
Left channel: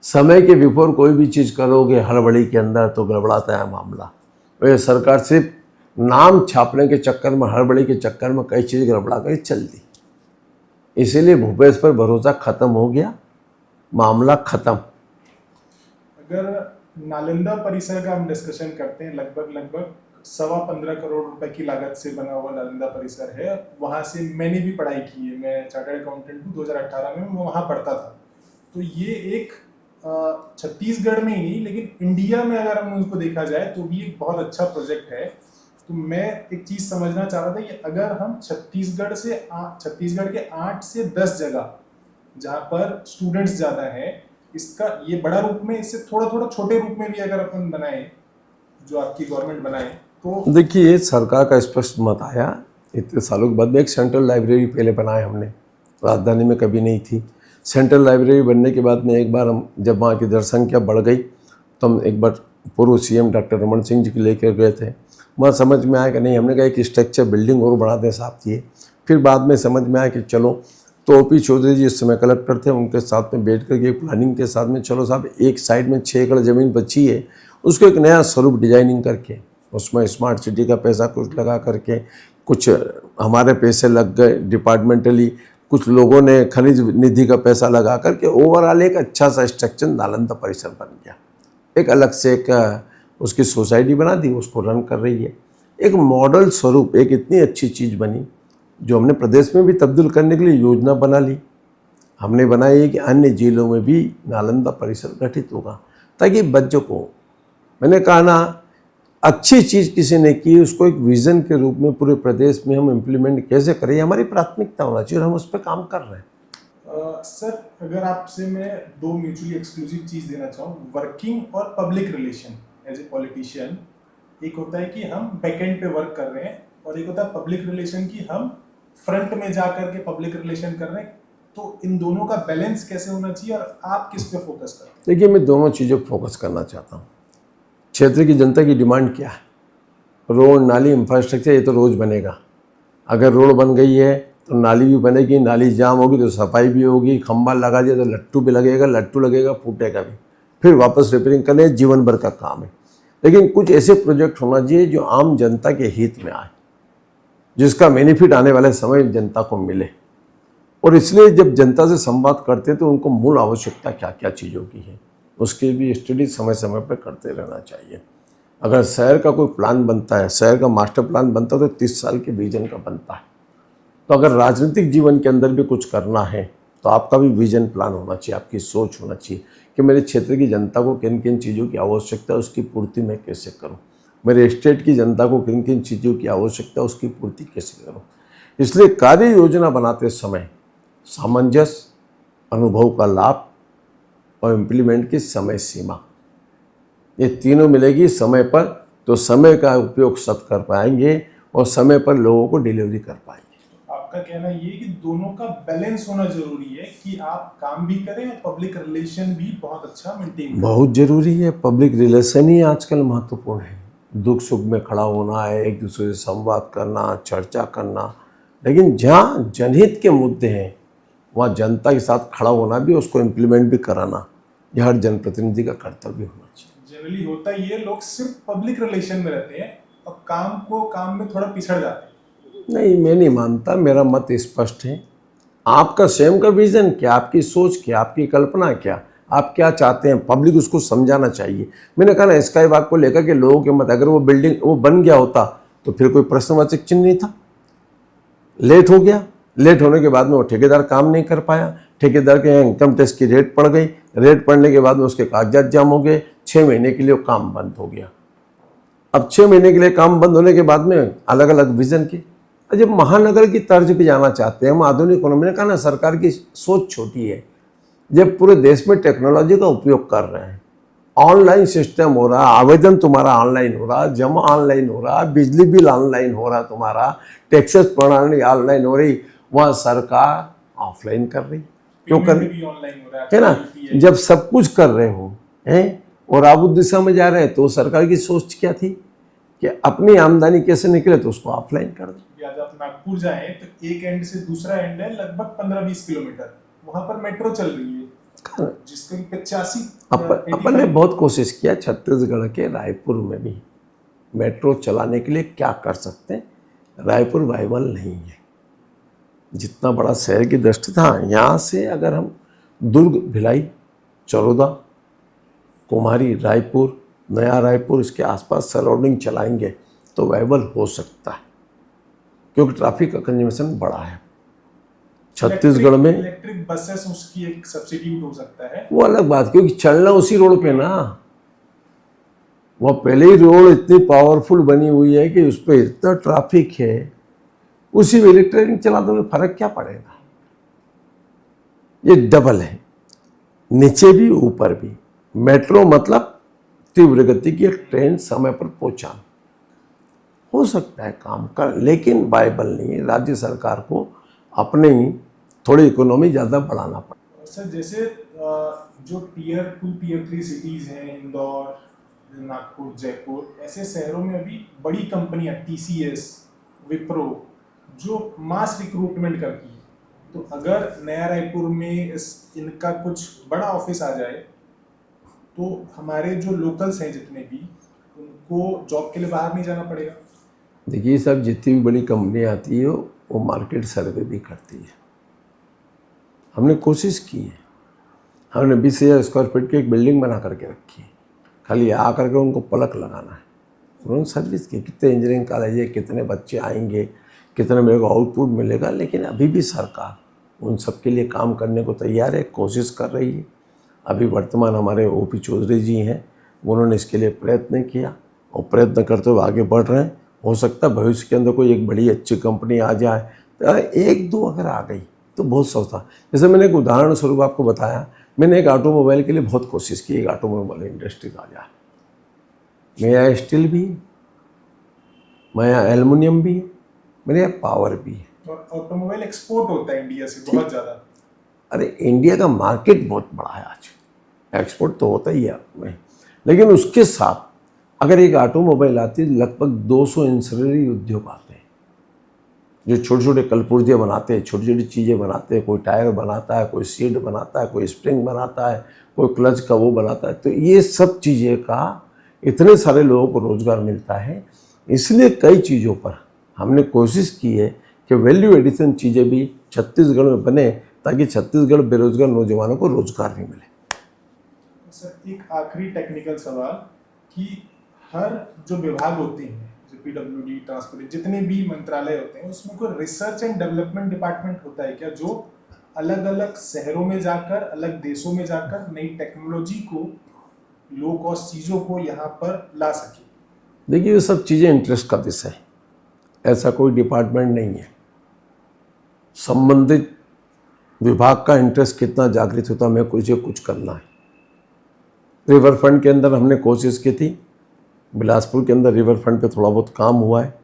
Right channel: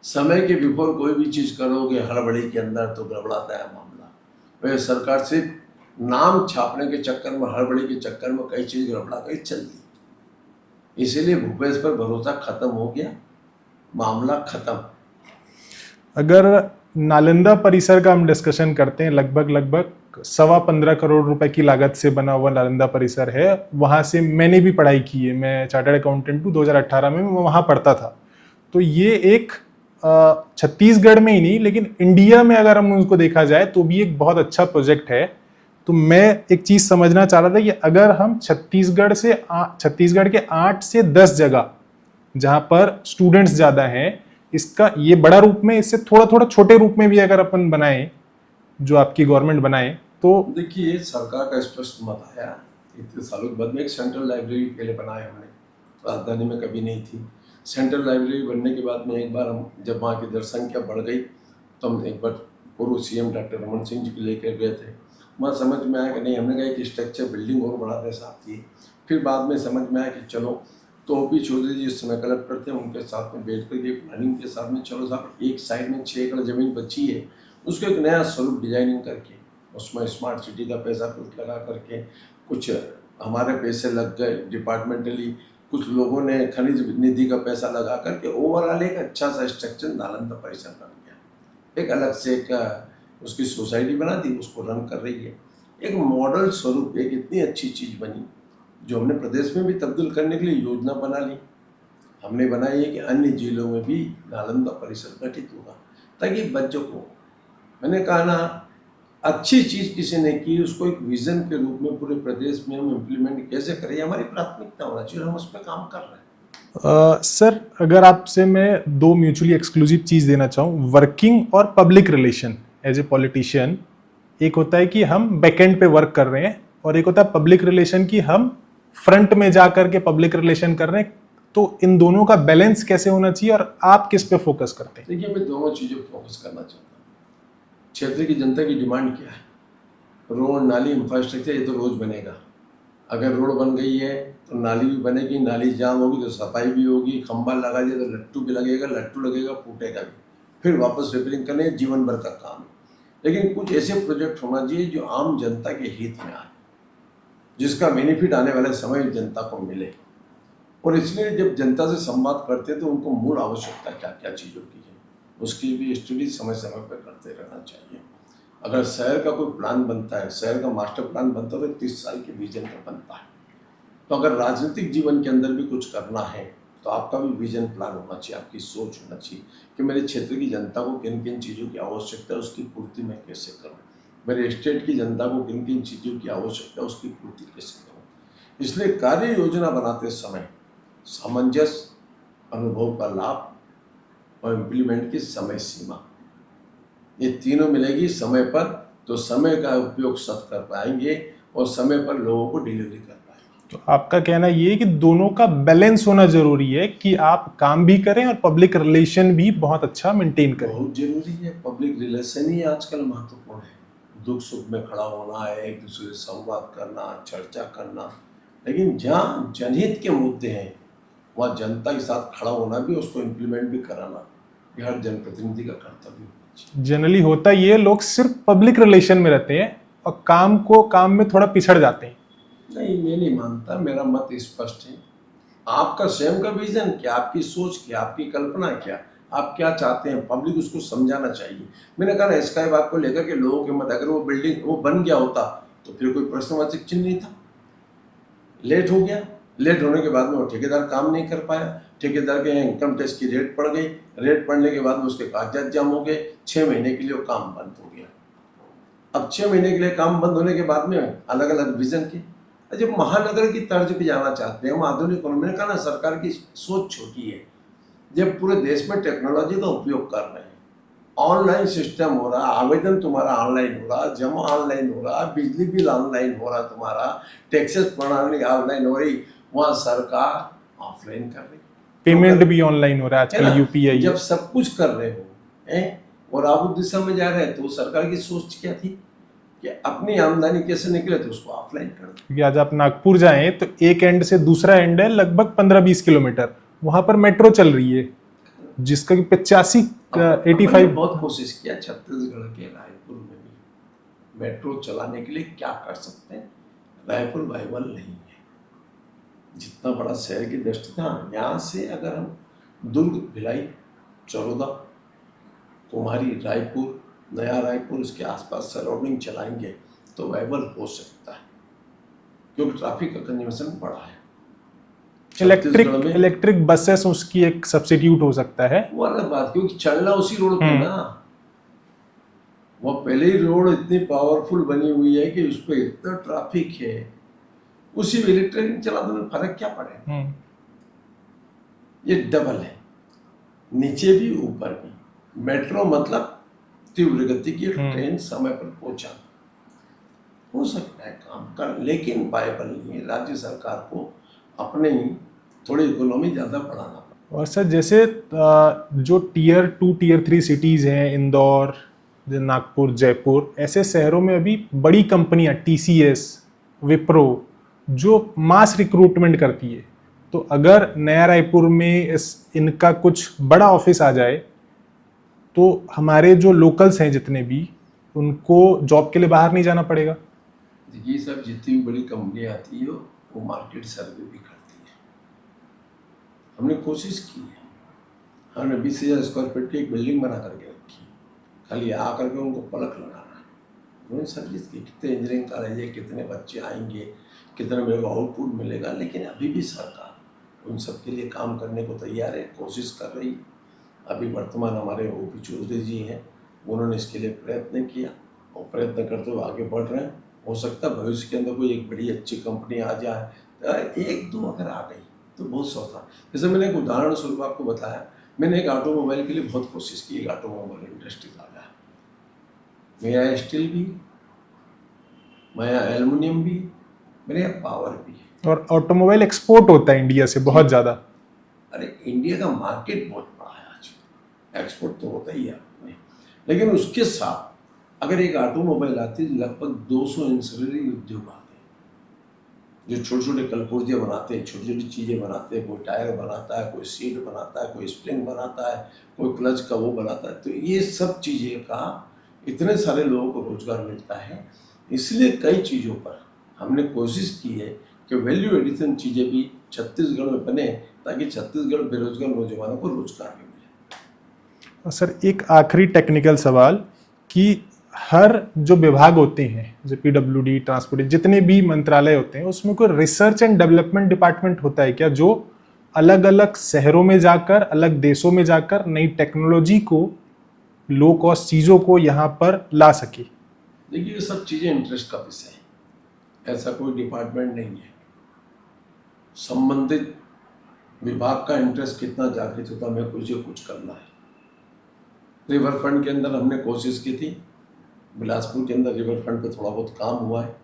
समय के बिफोर कोई भी चीज करोगे हड़बड़ी के अंदर तो गड़बड़ाता है मामला। तो ये सरकार सिर्फ नाम छापने के चक्कर में, हड़बड़ी के चक्कर में कई चीज गड़बड़ा कर चल दी, इसीलिए भूपेश पर भरोसा खत्म हो गया, मामला खत्म। अगर नालंदा परिसर का हम डिस्कशन करते हैं, लगभग 15.25 करोड़ रुपए की लागत से बना हुआ नालंदा परिसर है। वहां से मैंने भी पढ़ाई की है, मैं चार्टर्ड अकाउंटेंट हूँ। 2018 में मैं वहां पढ़ता था। तो ये एक छत्तीसगढ़ में ही नहीं लेकिन इंडिया में अगर हम उसको देखा जाए तो भी एक बहुत अच्छा प्रोजेक्ट है। तो मैं एक चीज समझना चाह रहा था कि अगर हम छत्तीसगढ़ के 8 से 10 जगह जहां पर स्टूडेंट्स ज्यादा हैं, इसका ये बड़ा रूप में, इससे थोड़ा थोड़ा छोटे रूप में भी अगर अपन बनाए, जो आपकी गवर्नमेंट बनाए तो देखिए सरकार का स्पष्ट मत आया इतने सालों के बाद में। एक सेंट्रल लाइब्रेरी पहले बनाए हमने, राजधानी में कभी नहीं थी। सेंट्रल लाइब्रेरी बनने के बाद में एक बार हम जब वहाँ की जनसंख्या बढ़ गई तो हम एक बार पूर्व सीएम डॉक्टर रमन सिंह जी को लेकर गए थे। वहाँ समझ में आया कि नहीं, हमने कहा एक स्ट्रक्चर बिल्डिंग और बढ़ा दें साहब की। फिर बाद में समझ में आया कि चलो, तो ओपी चौधरी जी इस समय कलेक्टर थे, उनके साथ में बैठ करके प्लानिंग के साथ में, चलो साहब एक साइड में 6 एकड़ ज़मीन बची है, उसको एक नया स्वरूप डिजाइनिंग करके उसमें स्मार्ट सिटी का पैसा कुछ लगा करके, कुछ हमारे पैसे लग गए डिपार्टमेंटली, कुछ लोगों ने खनिज निधि का पैसा लगा करके ओवरऑल एक अच्छा सा स्ट्रक्चर नालंदा परिसर बन गया। एक अलग से एक उसकी सोसाइटी बना दी, उसको रन कर रही है। एक मॉडल स्वरूप एक इतनी अच्छी चीज़ बनी जो हमने प्रदेश में भी तब्दील करने के लिए योजना बना ली। हमने बनाई है कि अन्य जिलों में भी नालंदा परिसर गठित होगा ताकि बच्चों को, मैंने कहा ना, अच्छी चीज़ किसी ने की उसको एक विज़न के रूप में पूरे प्रदेश में हम इम्प्लीमेंट कैसे करें, ये हमारी प्राथमिकता होना चाहिए और हम उस पर काम कर रहे हैं। सर अगर आपसे मैं 2 म्यूचुअली एक्सक्लूसिव चीज देना चाहूँ, वर्किंग और public relation as a politician. एक होता है कि हम बैकएंड पे वर्क कर रहे हैं और एक होता है पब्लिक रिलेशन की हम फ्रंट में जा करके पब्लिक रिलेशन कर रहे हैं। तो इन दोनों का बैलेंस कैसे होना चाहिए और आप किस पे फोकस करते हैं? देखिए मैं दोनों चीज़ों पर फोकस करना चाहता हूँ। क्षेत्र की जनता की डिमांड क्या है? रोड, नाली, इंफ्रास्ट्रक्चर, ये तो रोज़ बनेगा। अगर रोड बन गई है तो नाली भी बनेगी, नाली जाम होगी तो सफाई भी होगी, खंभा लगा दिया तो लट्टू भी लगेगा, लट्टू लगेगा फूटेगा भी, फिर वापस रिपेयरिंग करने, जीवन भर का काम है। लेकिन कुछ ऐसे प्रोजेक्ट होना चाहिए जो आम जनता के हित में आए, जिसका बेनिफिट आने वाले समय जनता को मिले। और इसलिए जब जनता से संवाद करते हैं तो उनको मूल आवश्यकता क्या क्या चीज़ों की है उसकी भी स्टडी समय समय पर करते रहना चाहिए। अगर शहर का कोई प्लान बनता है, शहर का मास्टर प्लान बनता है तो 30 साल के विजन का बनता है। तो अगर राजनीतिक जीवन के अंदर भी कुछ करना है तो आपका भी विजन प्लान होना चाहिए, आपकी सोच होना चाहिए कि मेरे क्षेत्र की जनता को किन किन चीज़ों की आवश्यकता है उसकी पूर्ति मैं कैसे करूं, मेरे स्टेट की जनता को किन किन चीज़ों की आवश्यकता है उसकी पूर्ति कैसे करूं। इसलिए कार्य योजना बनाते समय सामंजस्य, अनुभव का लाभ और इम्प्लीमेंट की समय सीमा, ये तीनों मिलेगी समय पर तो समय का उपयोग सब कर पाएंगे और समय पर लोगों को डिलीवरी कर पाएंगे। तो आपका कहना ये है कि दोनों का बैलेंस होना जरूरी है कि आप काम भी करें और पब्लिक रिलेशन भी बहुत अच्छा मेंटेन करें। बहुत जरूरी है, पब्लिक रिलेशन ही आजकल महत्वपूर्ण है। दुख सुख में खड़ा होना है, एक दूसरे से संवाद करना, चर्चा करना, लेकिन जहाँ जनहित के मुद्दे हैं वहाँ जनता के साथ खड़ा होना भी, उसको इम्प्लीमेंट भी कराना, यह हर जनप्रतिनिधि का कर्तव्य होना चाहिए। जनरली होता ये, लोग सिर्फ पब्लिक रिलेशन में रहते हैं और काम में थोड़ा पिछड़ जाते हैं। नहीं, मैं नहीं मानता, मेरा मत स्पष्ट है। आपका स्वयं का विजन क्या, आपकी सोच क्या, आपकी कल्पना क्या, आप क्या चाहते हैं, पब्लिक उसको समझाना चाहिए। मैंने कहा ना, स्काई वॉक को लेकर के लोगों के मत, अगर वो बिल्डिंग वो बन गया होता तो फिर कोई प्रश्नवाचक चिन्ह नहीं था। लेट हो गया, लेट होने के बाद में वो ठेकेदार काम नहीं कर पाया, ठेकेदार के यहाँ इनकम टैक्स की रेट पड़ गई, रेट पड़ने के बाद में उसके कागजात जाम हो गए, 6 महीने के लिए वो काम बंद हो गया। अब 6 महीने के लिए काम बंद होने के बाद में अलग अलग विजन की, जब महानगर की तर्ज पे जाना चाहते हैं हम, आधुनिक इकोनॉमी ने कहा ना, सरकार की सोच छोटी है। जब पूरे देश में टेक्नोलॉजी का उपयोग कर रहे हैं, ऑनलाइन सिस्टम हो रहा, आवेदन तुम्हारा ऑनलाइन हो रहा, जमा ऑनलाइन हो रहा, बिजली बिल ऑनलाइन हो रहा, तुम्हारा टैक्सेस प्रणाली ऑनलाइन हो रही, वहाँ सरकार ऑफलाइन कर रही, पेमेंट भी ऑनलाइन हो रहा है है ना। आजकल, यूपीआई। जब सब कुछ कर रहे हो हैं और आप उस दिशा में जा रहे हैं, तो सरकार की सोच क्या थी कि अपनी आमदनी कैसे निकले, तो उसको ऑफलाइन कर दो। क्योंकि आज आप नागपुर जाएं तो एक एंड से दूसरा एंड है लगभग 15-20 किलोमीटर, वहां पर मेट्रो चल रही है जिसका कि 85 अपन 85 ने बहुत कोशिश किया छत्तीसगढ़ के रायपुर में भी मेट्रो चलाने के लिए, क्या कर सकते हैं, रायपुर वाइबल नहीं है। जितना बड़ा शहर की दृष्टि था, यहाँ से अगर हम दुर्ग, भिलाई, चरोदा, कुमारी, रायपुर, नया रायपुर, इसके आसपास सराउंडिंग चलाएंगे तो वाइबल हो सकता है, क्योंकि ट्रैफिक का कंजम्पशन बड़ा है। छत्तीसगढ़ में इलेक्ट्रिक बसेस उसकी एक सब्स्टिट्यूट हो सकता है, वो अलग बात, क्योंकि चलना उसी रोड पे ना, वो पहले ही रोड इतनी पावरफुल बनी हुई है कि उस पर इतना ट्रैफिक है, उसी में इलेक्ट्रिक चला तो फर्क क्या पड़ेगा। ये डबल है, नीचे भी ऊपर भी। मेट्रो मतलब तीव्र गति की ट्रेन, समय पर पहुंचाना, हो सकता है काम कर, लेकिन वाइबल नहीं है। राज्य सरकार को अपने ही थोड़ी इकोनॉमी ज़्यादा बढ़ाना पड़ेगा। और सर जैसे जो टियर 2 टियर 3 सिटीज़ हैं, इंदौर, नागपुर, जयपुर, ऐसे शहरों में अभी बड़ी कंपनियां TCS, विप्रो जो मास रिक्रूटमेंट करती है, तो अगर नया रायपुर में इनका कुछ बड़ा ऑफिस आ जाए तो हमारे जो लोकल्स हैं जितने भी, उनको जॉब के लिए बाहर नहीं जाना पड़ेगा। देखिए सब, जितनी भी बड़ी कंपनियाँ आती है वो मार्केट सर्वे भी करती है। हमने कोशिश की है, हमने 20,000 स्क्वायर फीट की एक बिल्डिंग बना करके रखी है, खाली आ करके उनको पलक लगाना है। उन्होंने सर्विस की, कितने इंजीनियरिंग कॉलेज है, कितने बच्चे आएंगे, कितने मेरे को आउटपुट मिलेगा, लेकिन अभी भी सरकार उन सब के लिए काम करने को तैयार है, कोशिश कर रही है। अभी वर्तमान हमारे OP चौधरी जी हैं, उन्होंने इसके लिए प्रयत्न किया और प्रयत्न करते हुए आगे बढ़ रहे हैं। हो सकता है भविष्य के अंदर कोई एक बड़ी अच्छी कंपनी आ जाए, तो एक दो अगर आ गई तो बहुत सस्ता। जैसे मैंने एक उदाहरण स्वरूप आपको बताया, मैंने एक ऑटोमोबाइल के लिए बहुत कोशिश की, एक ऑटोमोबाइल इंडस्ट्री आ जाए। मेरे यहाँ स्टील भी है, मेरे यहाँ एल्युमिनियम भी है, मेरे यहाँ पावर भी है। और ऑटोमोबाइल एक्सपोर्ट होता है इंडिया से बहुत ज़्यादा। अरे इंडिया का मार्केट बहुत बड़ा है आज, एक्सपोर्ट तो होता ही है में, लेकिन उसके साथ अगर एक ऑटोमोबाइल आती है, लगभग 200 इंसनरी उद्योग आते हैं जो छोटे छोटे कलपुर्जे बनाते हैं, छोटी छोटी चीज़ें बनाते हैं। कोई टायर बनाता है, कोई सीट बनाता है, कोई स्प्रिंग बनाता है, कोई क्लच का वो बनाता है। तो ये सब चीज़ें का इतने सारे लोगों को रोज़गार मिलता है। इसलिए कई चीज़ों पर हमने कोशिश की है कि वैल्यू एडिशन चीज़ें भी छत्तीसगढ़ में बने, ताकि छत्तीसगढ़ बेरोजगार नौजवानों को रोजगार भी मिले। और सर एक आखिरी टेक्निकल सवाल कि हर जो विभाग होते हैं, जो PWD, ट्रांसपोर्ट, जितने भी मंत्रालय होते हैं, उसमें कोई रिसर्च एंड डेवलपमेंट डिपार्टमेंट होता है क्या, जो अलग अलग शहरों में जाकर, अलग देशों में जाकर नई टेक्नोलॉजी को, लो कॉस्ट चीज़ों को यहाँ पर ला सके? देखिए ये सब चीज़ें इंटरेस्ट का विषय है, ऐसा कोई डिपार्टमेंट नहीं है। संबंधित विभाग का इंटरेस्ट कितना जागृत होता, हमें कुछ करना है। रिवर फ्रंट के अंदर हमने कोशिश की थी, बिलासपुर के अंदर रिवर फ्रंट पे थोड़ा बहुत काम हुआ है।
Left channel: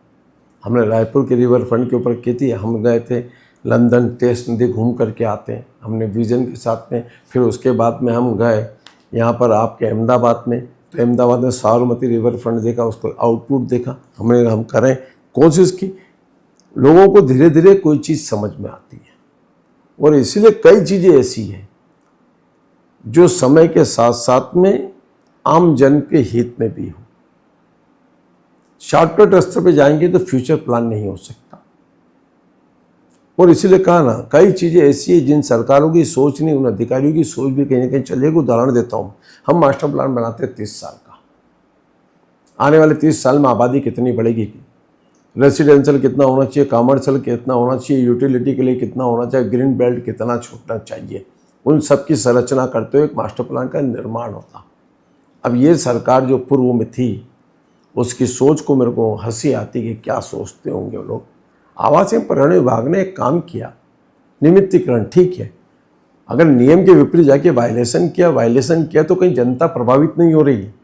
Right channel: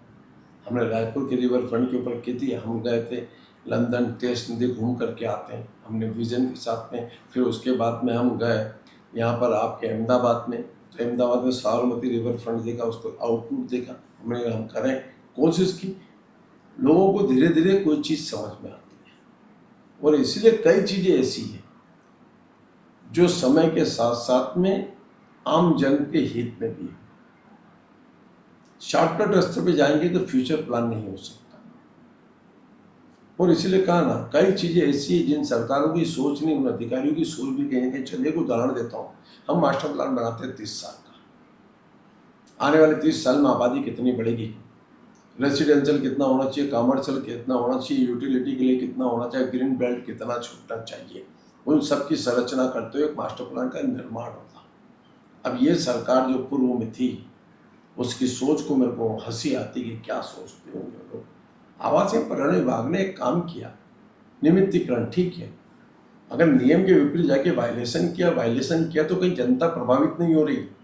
हमने रायपुर के रिवर फ्रंट के ऊपर की थी, हम गए थे लंदन, टेस्ट नदी घूम करके आते हैं हमने विजन के साथ में। फिर उसके बाद में हम गए यहाँ पर आपके अहमदाबाद में, तो अहमदाबाद में साबरमती रिवर फ्रंट देखा, उसको आउटपुट देखा हमने। हम करें कोशिश की, लोगों को धीरे धीरे कोई चीज़ समझ में आती है, और इसीलिए कई चीज़ें ऐसी हैं जो समय के साथ साथ में आम जन के हित में भी हो। शॉर्टकट रास्ते पे जाएंगे तो फ्यूचर प्लान नहीं हो सकता, और इसीलिए कहा ना, कई चीज़ें ऐसी है जिन सरकारों की सोच नहीं, उन अधिकारियों की सोच भी कहीं ना कहीं चलेगी। उदाहरण देता हूँ, हम मास्टर प्लान बनाते हैं 30 साल का, आने वाले 30 साल में आबादी कितनी बढ़ेगी, रेसिडेंशियल कितना होना चाहिए, कमर्शियल कितना होना चाहिए, यूटिलिटी के लिए कितना होना चाहिए, ग्रीन बेल्ट कितना छूटना चाहिए, उन सब की संरचना करते हुए एक मास्टर प्लान का निर्माण होता। अब ये सरकार जो पूर्व में थी, उसकी सोच को मेरे को हंसी आती कि क्या सोचते होंगे लोग। आवास एवं पर्यावरण विभाग ने एक काम किया, नियमितीकरण, ठीक है, अगर नियम के विपरीत जाके वायलेशन किया तो कहीं जनता प्रभावित नहीं हो रही है,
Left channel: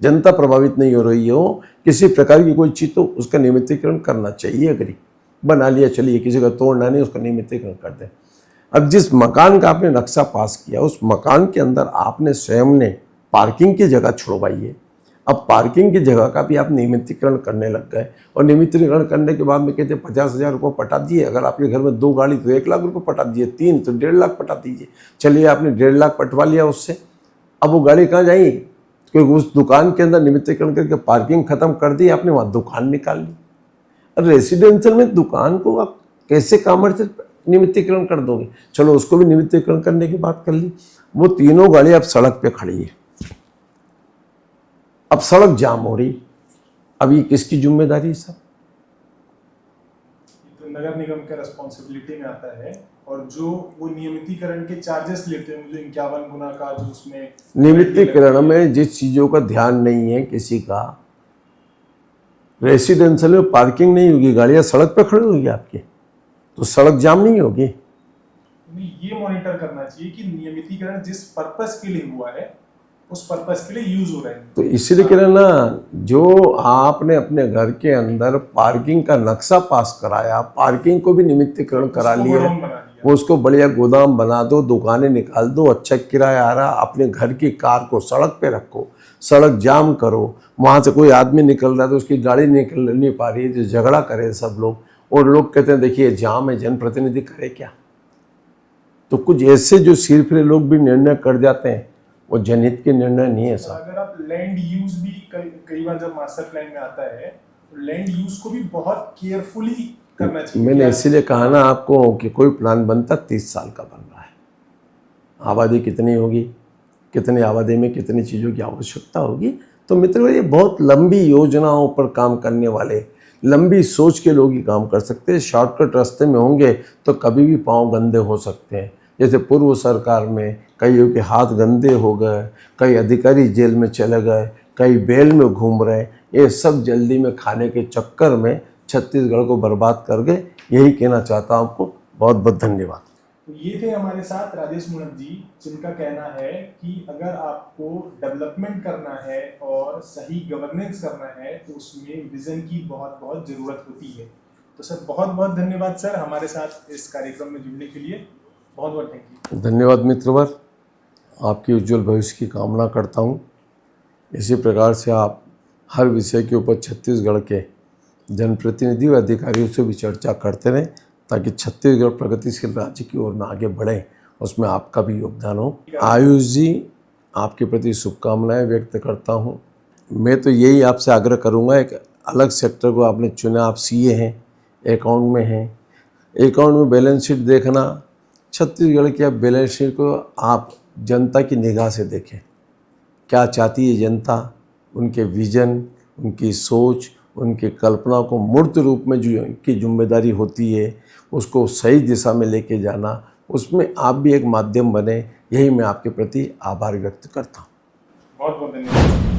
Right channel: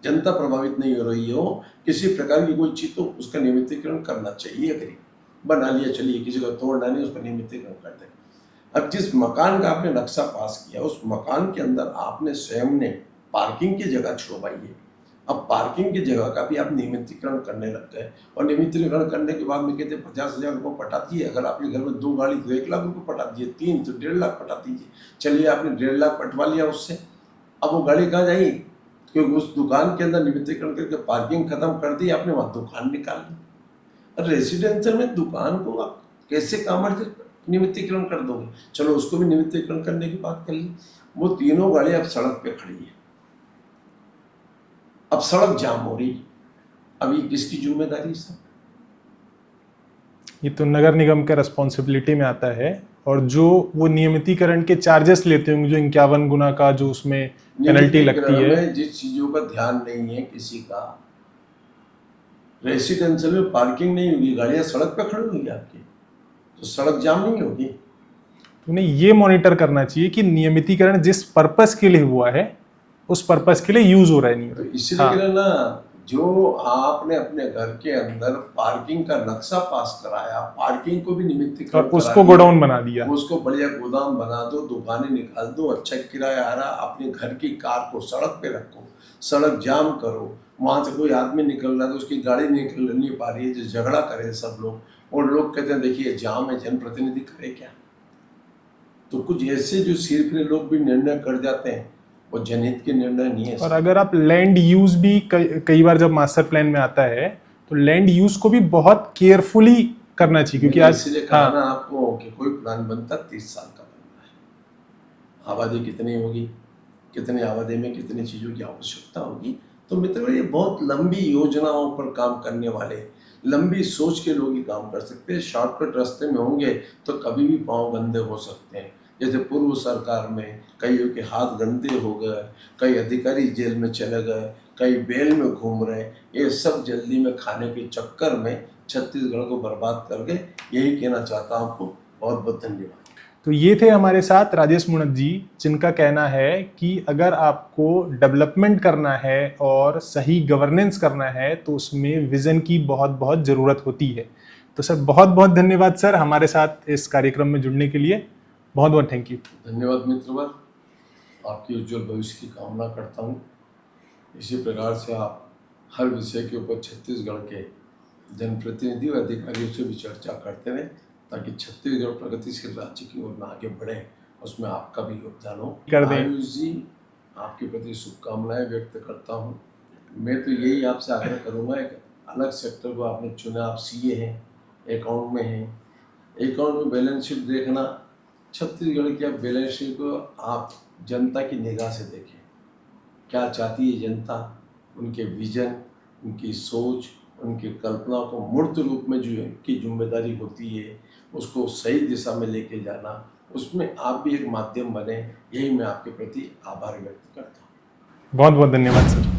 जनता प्रभावित नहीं हो रही हो किसी प्रकार की कोई चीज़, तो उसका नियमितीकरण करना चाहिए। अगर बना लिया, चलिए किसी का तोड़ना नहीं, उसका नियमितीकरण कर दें। अब जिस मकान का आपने नक्शा पास किया, उस मकान के अंदर आपने स्वयं ने पार्किंग की जगह छुड़वाई है। अब पार्किंग की जगह का भी आप नियमितीकरण करने लग गए, और नियमितीकरण करने के बाद में कहते 50,000 रुपये पटा दिए। अगर आपके घर में 2 गाड़ी तो 1 लाख रुपये पटा दिए, 3 तो 1.5 लाख पटा दीजिए। चलिए आपने 1.5 लाख पटवा लिया उससे, अब वो गाड़ी कहाँ जाएगी? क्योंकि उस दुकान के अंदर नियमितीकरण करके पार्किंग खत्म कर दी आपने, वहाँ दुकान निकाल ली। और रेसिडेंशियल में दुकान को आप कैसे कमर्शियल नियमितीकरण कर दोगे? चलो उसको भी नियमितीकरण करने की बात कर ली। वो तीनों गाड़ी अब सड़क पे खड़ी है, अब सड़क जाम हो रही, अब ये किसकी जिम्मेदारी है साहब? ये तो नगर निगम के रिस्पॉन्सिबिलिटी में आता है, और जो वो नियमितीकरण के चार्जेस लेते होंगे, जो 51 गुना का जो उसमें पेनल्टी लगती है, नियमितीकरण में जिस चीज़ों का ध्यान नहीं है किसी का, रेसिडेंशियल में पार्किंग नहीं होगी, गाड़ियाँ सड़क पे खड़ी होगी आपकी, तो सड़क जाम नहीं होगी। उन्हें ये मॉनिटर करना चाहिए कि नियमितीकरण जिस पर्पस के लिए हुआ है उस पर्पस के लिए यूज हो रहा है नहीं। तो इसीलिए कह रहे ना, जो आपने अपने घर के अंदर पार्किंग का नक्शा पास कराया, पार्किंग को भी नियमितीकरण करा उसको गोडाउन बना दिया, उसको बढ़िया गोदाम बना दो, दुकानें निकाल दो, अच्छा किराया आ रहा, अपने घर की कार को सड़क पे रखो, सड़क जाम करो, वहाँ से कोई आदमी निकल रहा है तो उसकी गाड़ी निकल नहीं पा रही है, जो झगड़ा करे सब लोग, और लोग कहते हैं देखिए जाम है, जनप्रतिनिधि करे क्या? तो कुछ ऐसे जो सिर फिरे लोग भी निर्णय कर जाते हैं, वो जनहित के निर्णय नहीं है। और अगर आप लैंड यूज भी कई बार जब मास्टर प्लान में आता है तो लैंड यूज को भी बहुत केयरफुली करना चाहिए। मैंने इसीलिए कहा ना आपको कि कोई प्लान बनता 30 साल का बन रहा है। आबादी कितनी होगी, कितनी आबादी में कितनी चीज़ों की आवश्यकता होगी, तो मित्रों ये बहुत लंबी योजनाओं पर काम करने वाले, लंबी सोच के लोग ही काम कर सकते हैं। शॉर्टकट रास्ते में होंगे तो कभी भी पाँव गंदे हो सकते हैं। जैसे पूर्व सरकार में कईयों के हाथ गंदे हो गए, कई अधिकारी जेल में चले गए, कई बेल में घूम रहे, ये सब जल्दी में खाने के चक्कर में छत्तीसगढ़ को बर्बाद कर गए। यही कहना चाहता हूँ आपको। बहुत बहुत धन्यवाद। तो ये थे हमारे साथ राजेश मुणत जी, जिनका कहना है कि अगर आपको डेवलपमेंट करना है और सही गवर्नेंस करना है तो उसमें विजन की बहुत बहुत ज़रूरत होती है। तो सर बहुत बहुत धन्यवाद सर, हमारे साथ इस कार्यक्रम में जुड़ने के लिए बहुत बहुत थैंक यू। धन्यवाद मित्रवर, आपकी उज्जवल भविष्य की कामना करता हूँ। इसी प्रकार से आप हर विषय के ऊपर छत्तीसगढ़ के जनप्रतिनिधि व अधिकारियों से भी चर्चा करते रहें, ताकि छत्तीसगढ़ प्रगतिशील राज्य की ओर में आगे बढ़े, उसमें आपका भी योगदान हो। आयुष जी, आपके प्रति शुभकामनाएं व्यक्त करता हूं। मैं तो यही आपसे आग्रह करूंगा, एक अलग सेक्टर को आपने चुना, आप सीए हैं, अकाउंट में हैं, अकाउंट में बैलेंस शीट देखना, छत्तीसगढ़ की बैलेंस शीट को आप जनता की निगाह से देखें, क्या चाहती है जनता, उनके विजन, उनकी सोच, उनकी कल्पना को मूर्त रूप में जो की जिम्मेदारी होती है उसको सही दिशा में लेके जाना, उसमें आप भी एक माध्यम बने। यही मैं आपके प्रति आभार व्यक्त करता हूँ। बहुत बहुत धन्यवाद सर।